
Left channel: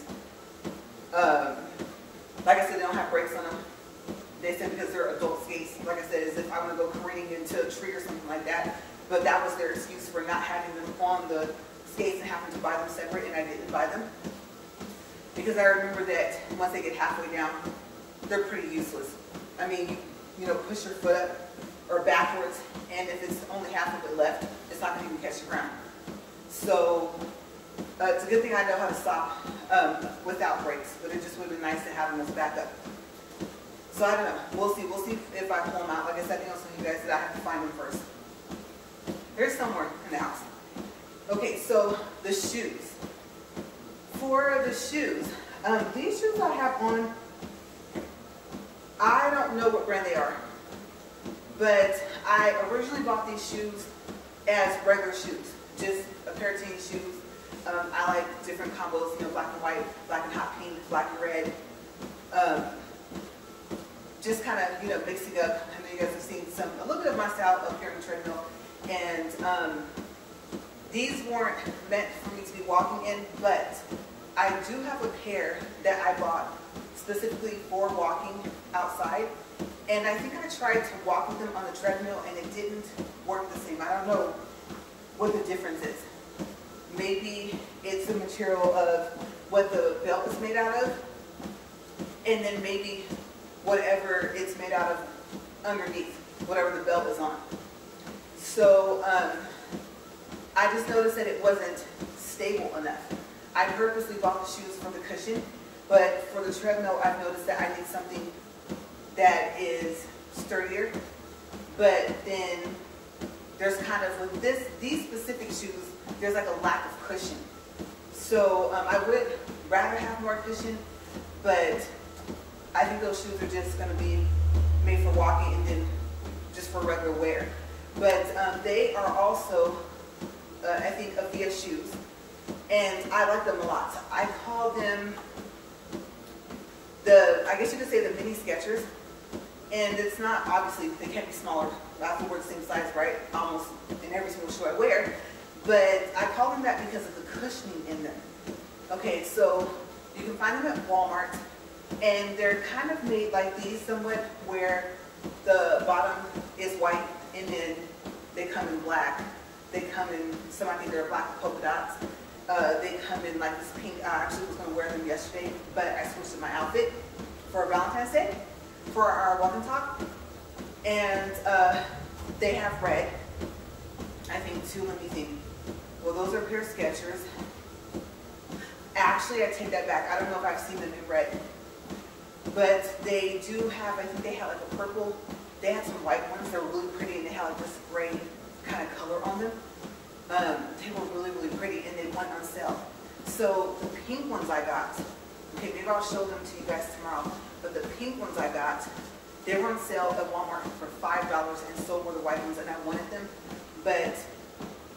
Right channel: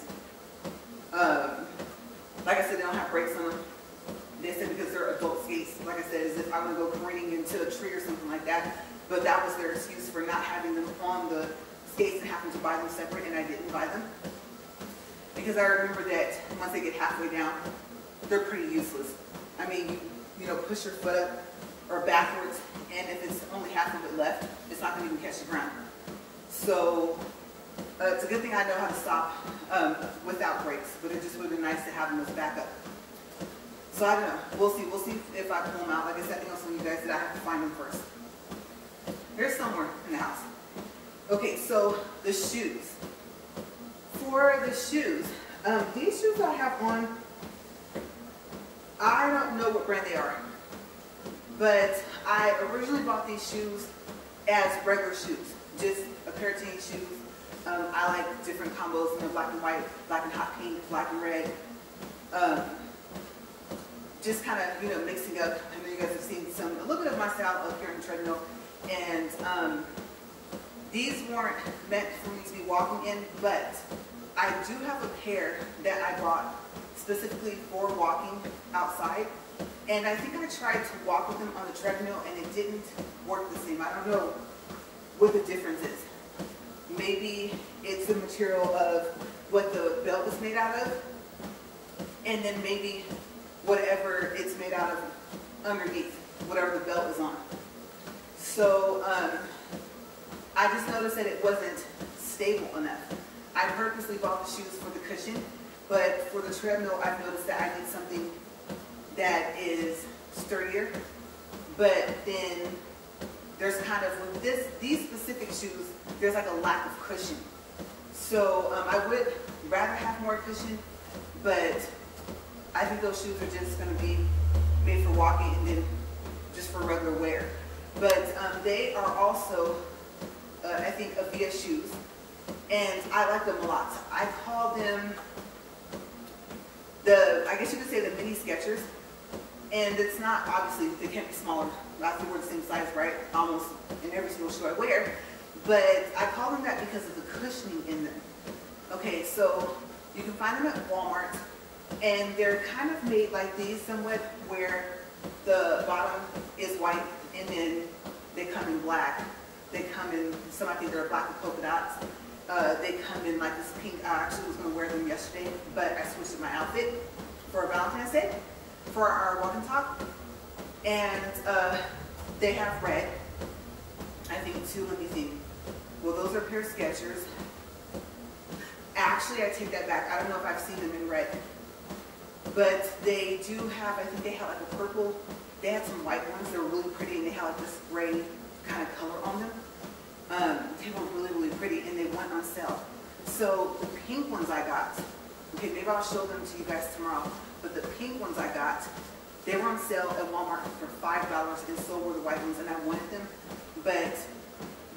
like I said, they don't have brakes on them. They said because they're adult skates. Like I said, as if I would go careening into a tree or something like that. But that was their excuse for not having them on the skates and having to buy them separate, and I didn't buy them. Because I remember that once they get halfway down, they're pretty useless. I mean, you know, push your foot up or backwards, and if it's only half of it left, it's not going to even catch the ground. So it's a good thing I know how to stop without brakes, but it just would have been nice to have them as backup. So I don't know. We'll see. We'll see if I pull them out. Like I said, I think I was telling you guys that I have to find them first. They're somewhere in the house. Okay, so the shoes. For the shoes, these shoes I have on, I don't know what brand they are, but I originally bought these shoes as regular shoes, just a pair of tennis shoes. I like different combos, you know, black and white, black and hot pink, black and red. Just kind of, you know, mixing up. I know you guys have seen a little bit of my style up here on the treadmill, and these weren't meant for me to be walking in, but I do have a pair that I bought specifically for walking outside, and I think I tried to walk with them on the treadmill and it didn't work the same. I don't know what the difference is. Maybe it's the material of what the belt is made out of, and then maybe whatever it's made out of underneath, whatever the belt is on. So I just noticed that it wasn't stable enough. I purposely bought the shoes for the cushion, but for the treadmill, I've noticed that I need something that is sturdier. But then there's kind of, with these specific shoes, there's like a lack of cushion. So I would rather have more cushion, but I think those shoes are just going to be made for walking and then just for regular wear. But they are also, I think, Avia shoes. And I like them a lot. I call them I guess you could say the mini Skechers. And it's not, obviously, they can't be smaller. I have to wear the same size, right? Almost in every single shoe I wear. But I call them that because of the cushioning in them. Okay, so you can find them at Walmart. And they're kind of made like these somewhat, where the bottom is white and then they come in black. They come in, some I think they're black with polka dots. They come in like this pink. I actually was going to wear them yesterday, but I switched to my outfit for Valentine's Day for our walk and talk. And they have red, I think too. Let me think. Well, those are a pair of Skechers. Actually, I take that back. I don't know if I've seen them in red. But they do have, I think they had like a purple. They had some white ones that were really pretty, and they had like this gray kind of color on them. They were really, really pretty, and they went on sale. So the pink ones I got, okay, maybe I'll show them to you guys tomorrow, but the pink ones I got, they were on sale at Walmart for $5, and so were the white ones, and I wanted them. But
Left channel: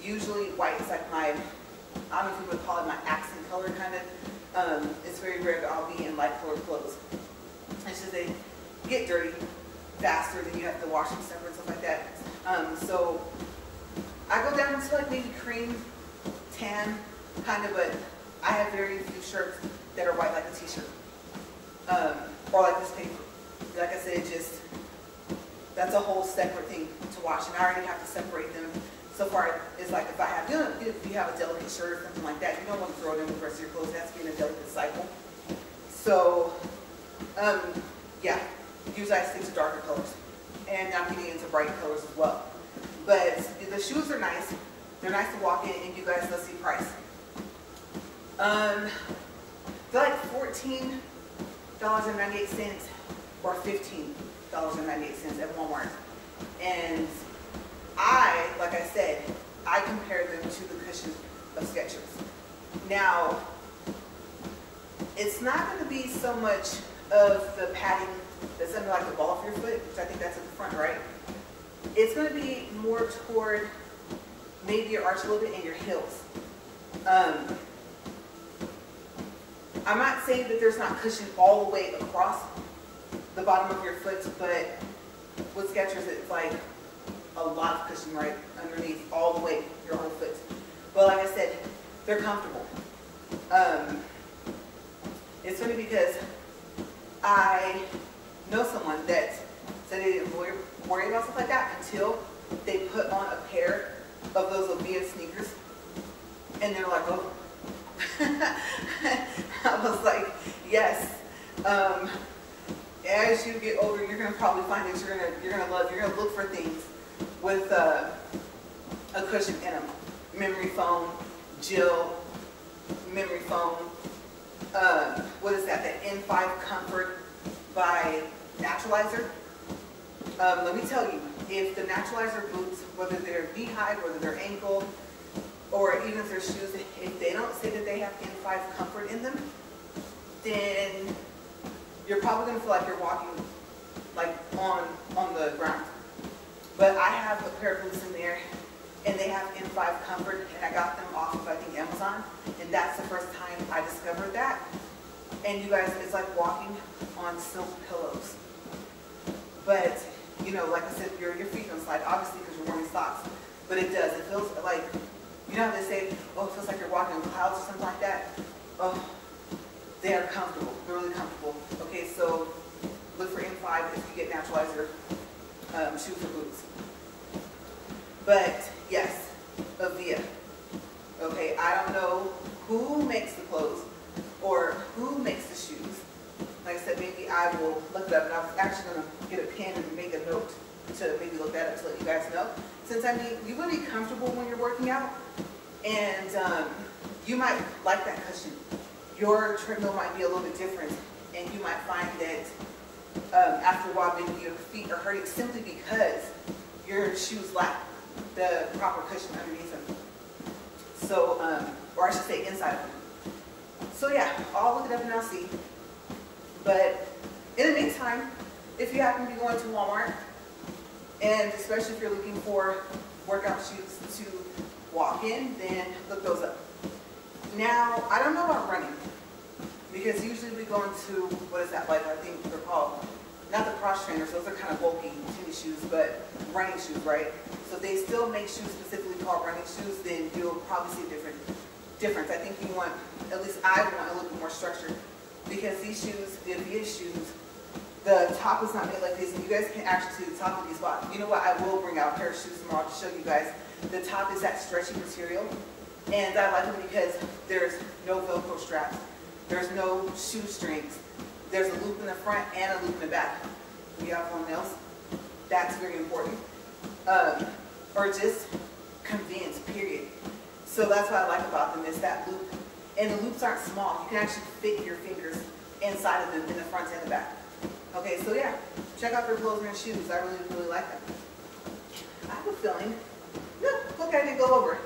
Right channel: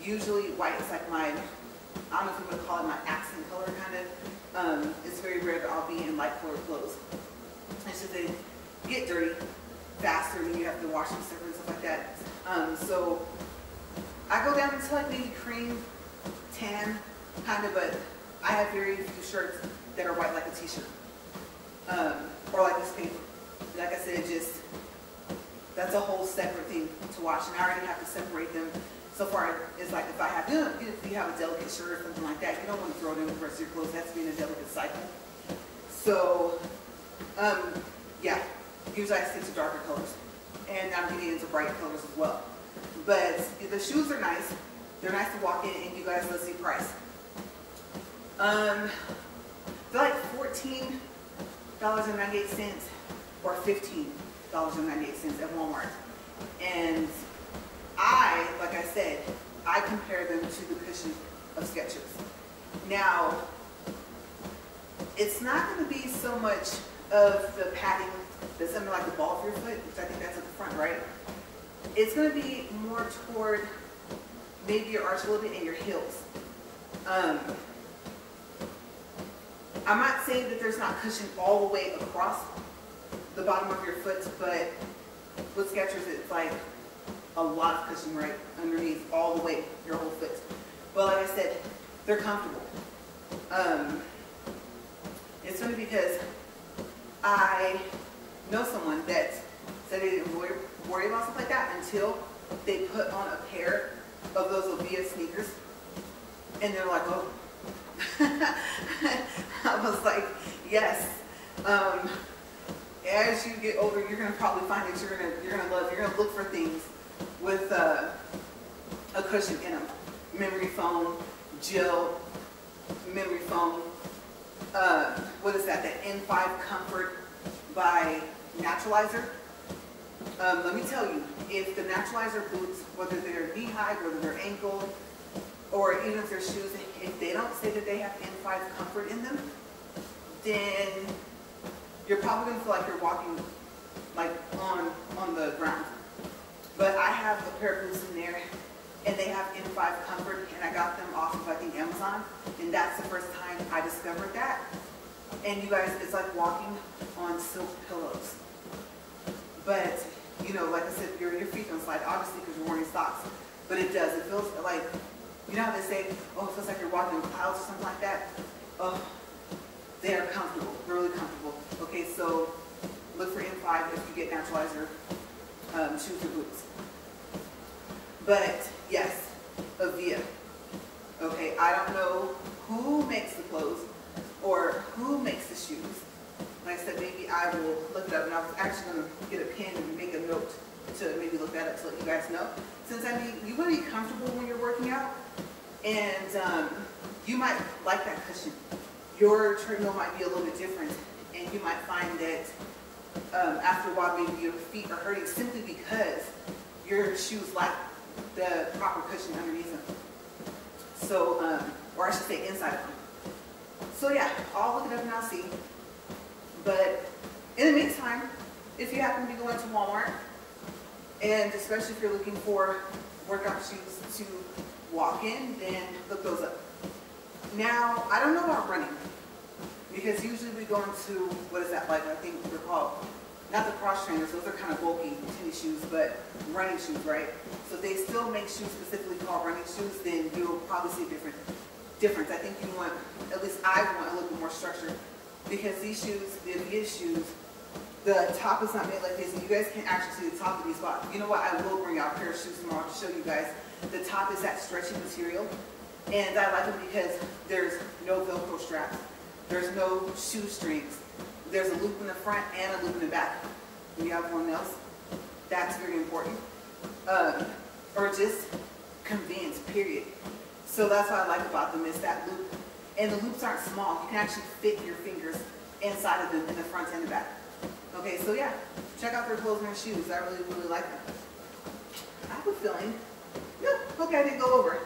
usually white is like my, I don't know if you would call it my accent color kind of. It's very rare that I'll be in light colored clothes. It's just they get dirty faster, than you have to wash them separate and stuff like that. So I go down into like maybe cream, tan, kind of, but I have very few shirts that are white like a t-shirt. Or like this paper. Like I said, just, that's a whole separate thing to wash, and I already have to separate them. So far, it's like if I have, you know, if you have a delicate shirt or something like that, you don't want to throw it in the rest of your clothes. That's being a delicate cycle. So, yeah, usually I stick to darker colors. And I'm getting into bright colors as well. But the shoes are nice. They're nice to walk in, and you guys, let's see price. They're like $14.98 or $15.98 at Walmart. And like I said, I compare them to the cushion of Skechers. Now, it's not going to be so much of the padding that's under like the ball of your foot, which I think that's at the front, right? It's going to be more toward maybe your arch a little bit and your heels. I'm not saying that there's not cushion all the way across the bottom of your foot, but with Skechers, it's like a lot of cushion, right? underneath all the way, your whole foot. But like I said, they're comfortable. It's funny because I know someone that said they didn't worry about stuff like that until they put on a pair of those Avia sneakers, and they're like, oh. I was like, yes. As you get older, you're gonna probably find that you're gonna look for things with a cushion in them. Memory foam, gel, memory foam. What is that? That N5 Comfort by Naturalizer. Let me tell you, if the Naturalizer boots, whether they're knee-high, whether they're ankle, or even if they're shoes, if they don't say that they have N5 Comfort in them, then you're probably going to feel like you're walking like on the ground. But I have a pair of boots in there, and they have N5 Comfort, and I got them off of, I think, Amazon, and that's the first time I discovered that. And you guys, it's like walking on silk pillows. But, you know, like I said, your feet don't slide, obviously, because you're wearing socks. But it does. It feels like, you know how they say, oh, it feels like you're walking on clouds or something like that? Oh, they are comfortable. They're really comfortable. Okay, so look for N5 if you get Naturalizer shoes or boots. But, yes, Avia. Okay, I don't know who makes the clothes or who makes the shoes. Like I said, maybe I will look it up, and I was actually going to get a pen and make a note to maybe look that up to let you guys know. Since, I mean, you want to be comfortable when you're working out, and you might like that cushion. Your treadmill might be a little bit different, and you might find that after a while, maybe your feet are hurting simply because your shoes lack the proper cushion underneath them. So, or I should say inside of them. So yeah, I'll look it up and I'll see. But in the meantime, if you happen to be going to Walmart, and especially if you're looking for workout shoes to walk in, then look those up. Now, I don't know about running, because usually we go into, what is that, like, I think they're called, not the cross trainers, those are kind of bulky tennis shoes, but running shoes, right? So they still make shoes specifically called running shoes, then you'll probably see a difference. I think you want, at least I want a little bit more structure, because these shoes, the Avia shoes, the top is not made like this, and you guys can actually see the top of these spots. You know what, I will bring out a pair of shoes tomorrow to show you guys. The top is that stretchy material, and I like them because there's no Velcro straps. There's no shoestrings. There's a loop in the front and a loop in the back. We have one else. That's very important. Or just convenience, period. So that's what I like about them, is that loop. And the loops aren't small. You can actually fit your fingers inside of them in the front and the back. Okay, so yeah, check out their clothes and shoes. I really, really like them. I have a feeling, no, okay, I didn't go over.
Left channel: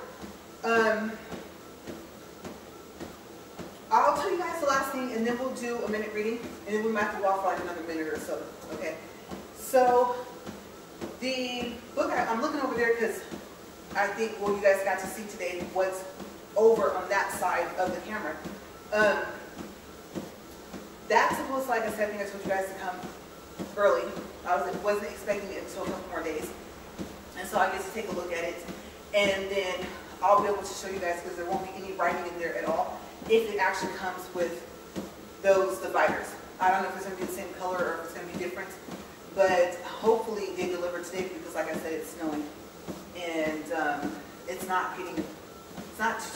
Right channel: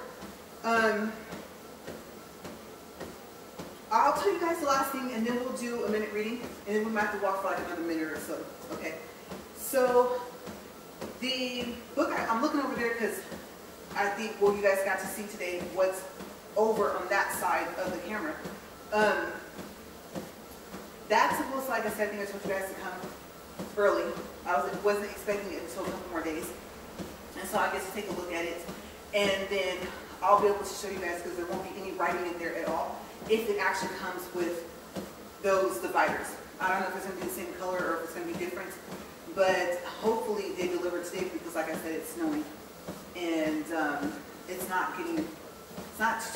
I'll tell you guys the last thing, and then we'll do a minute reading, and then we might have to walk for like another minute or so, okay? So, the book, I'm looking over there because I think, well, you guys got to see today what's over on that side of the camera. That's supposed to, like I said, I think I told you guys to come early. I wasn't expecting it until a couple more days. And so I get to take a look at it, and then I'll be able to show you guys, because there won't be any writing in there at all, if it actually comes with those dividers. I don't know if it's going to be the same color or if it's going to be different, but hopefully they deliver today, because like I said, it's snowing, and it's not too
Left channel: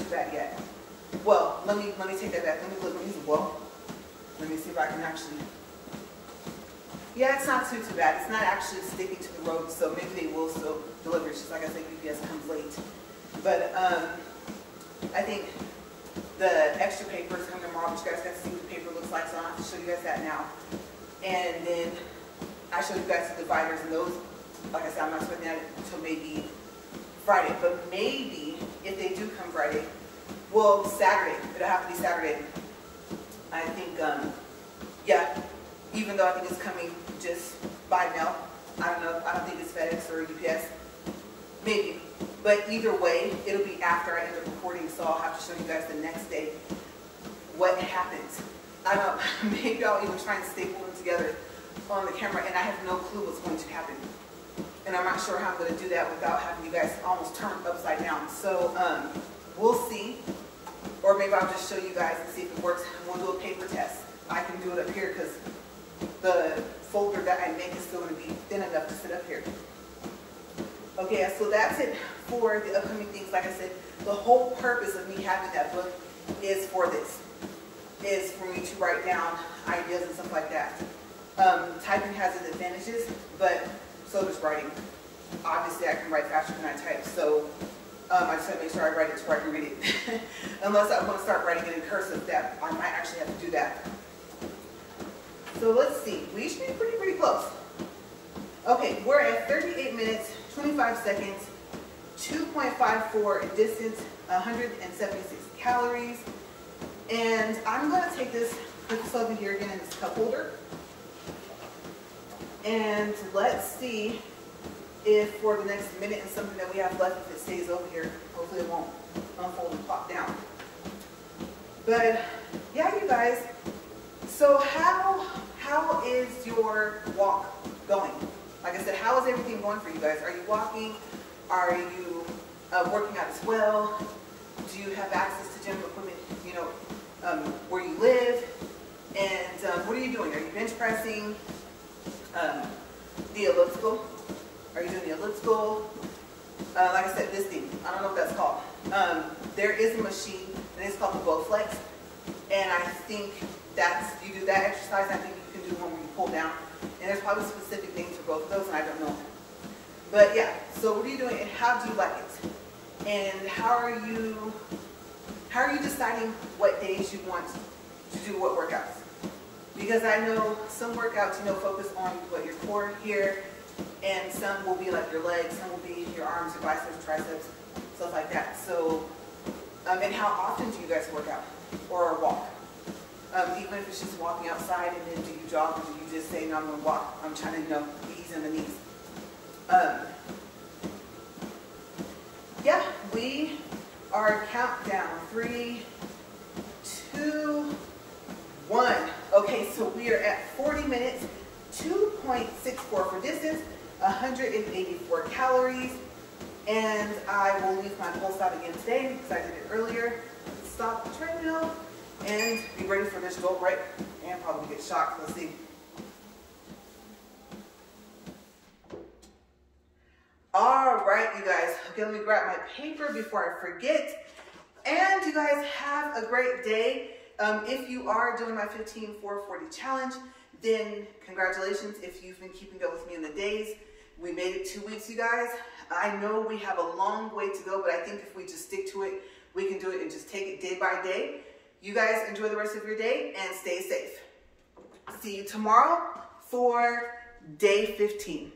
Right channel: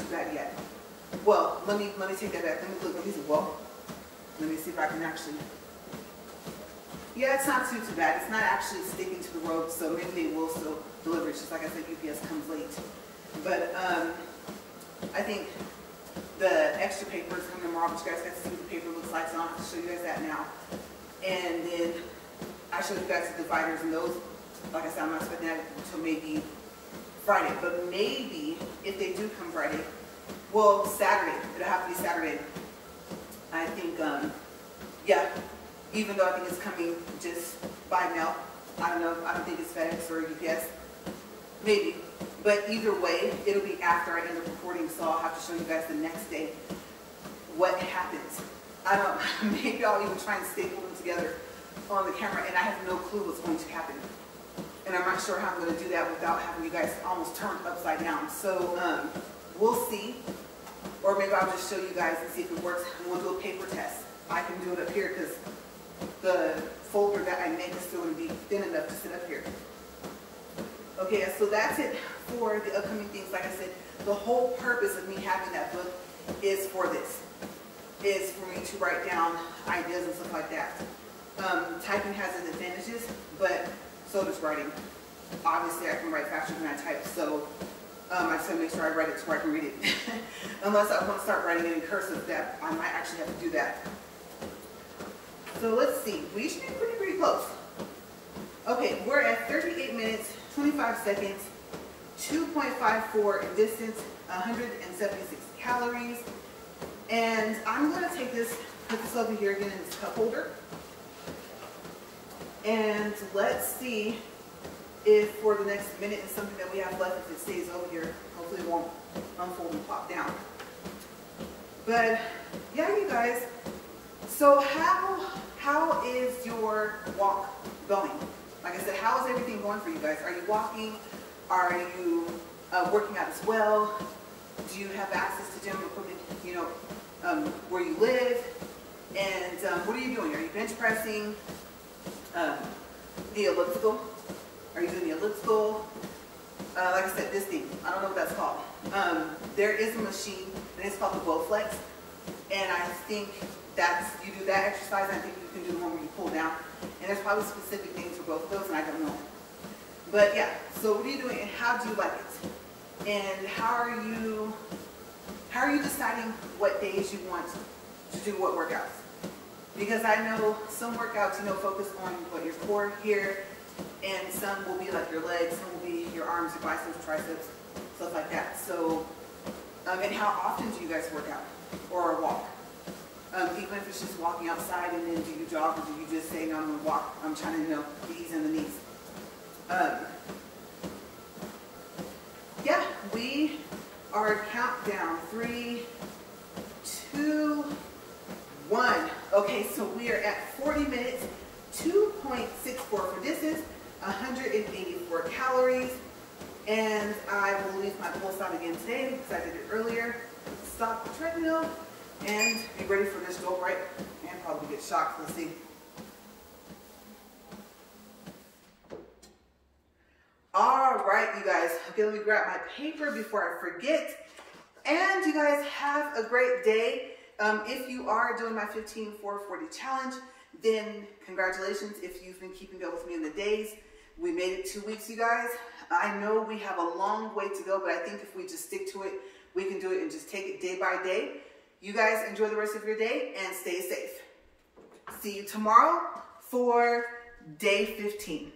bad yet. Well, let me take that back. Let me look. Let me see if I can actually. Yeah, it's not too bad. It's not actually sticking to the road, so maybe they will still deliver. It's just like I said, UPS comes late. But I think the extra paper is coming tomorrow, but you guys got to see what the paper looks like, so I don't have to show you guys that now. And then I show you guys the dividers, and those, like I said, I'm not expecting that until maybe Friday. But maybe if they do come Friday, well, Saturday. It'll have to be Saturday. I think, yeah, even though I think it's coming just by mail. I don't know. I don't think it's FedEx or UPS. Maybe. But either way, it'll be after I end up recording, so I'll have to show you guys the next day what happens. I don't, maybe I'll even try and staple them together on the camera, and I have no clue what's going to happen. And I'm not sure how I'm going to do that without having you guys almost turned upside down. So we'll see. Or maybe I'll just show you guys and see if it works. We'll do a paper test. I can do it up here because the folder that I make is still going to be thin enough to sit up here. Okay, so that's it for the upcoming things. Like I said, the whole purpose of me having that book is for this. Is for me to write down ideas and stuff like that. Typing has its advantages, but so does writing. Obviously, I can write faster than I type, so I just want to make sure I write it so I can read it. Unless I want to start writing it in cursive, that I might actually have to do that. So let's see. We should be pretty close. Okay, we're at 38 minutes, 25 seconds, 2.54 in distance, 176 calories. And I'm going to take this, put this over here again in this cup holder. And let's see if for the next minute and something that we have left, if it stays over here, hopefully it won't unfold and pop down. But yeah, you guys, so how is your walk going? Like I said, how is everything going for you guys? Are you walking? Are you working out as well? Do you have access to gym equipment, you know, where you live? And what are you doing? Are you bench pressing? The elliptical? Are you doing the elliptical? Like I said, this thing, I don't know what that's called. There is a machine, and it's called the Bowflex. And I think you do that exercise, I think you can do one where you pull down. And there's probably specific names for both of those, and I don't know. But yeah, so what are you doing, and how do you like it? And how are you deciding what days you want to do what workouts? Because I know some workouts, you know, focus on what your core here, and some will be like your legs, some will be your arms, your biceps, triceps, stuff like that. So, and how often do you guys work out or walk? Even if it's just walking outside, and then do you jog, or do you just say, no, I'm going to walk, I'm trying to, you know, be easy on the knees. Yeah, we are countdown, 3, 2, 1. Okay, so we are at 40 minutes, 2.64 for distance, 184 calories, and I will leave my pulse out again today because I did it earlier. Stop the treadmill and be ready for this jolt right, and probably get shocked. Let's see. All right, you guys. Okay, let me grab my paper before I forget. And you guys have a great day. If you are doing my 15-4-40 challenge, then congratulations if you've been keeping up with me in the days. We made it 2 weeks, you guys. I know we have a long way to go, but I think if we just stick to it, we can do it and just take it day by day. You guys enjoy the rest of your day and stay safe. See you tomorrow for day 15.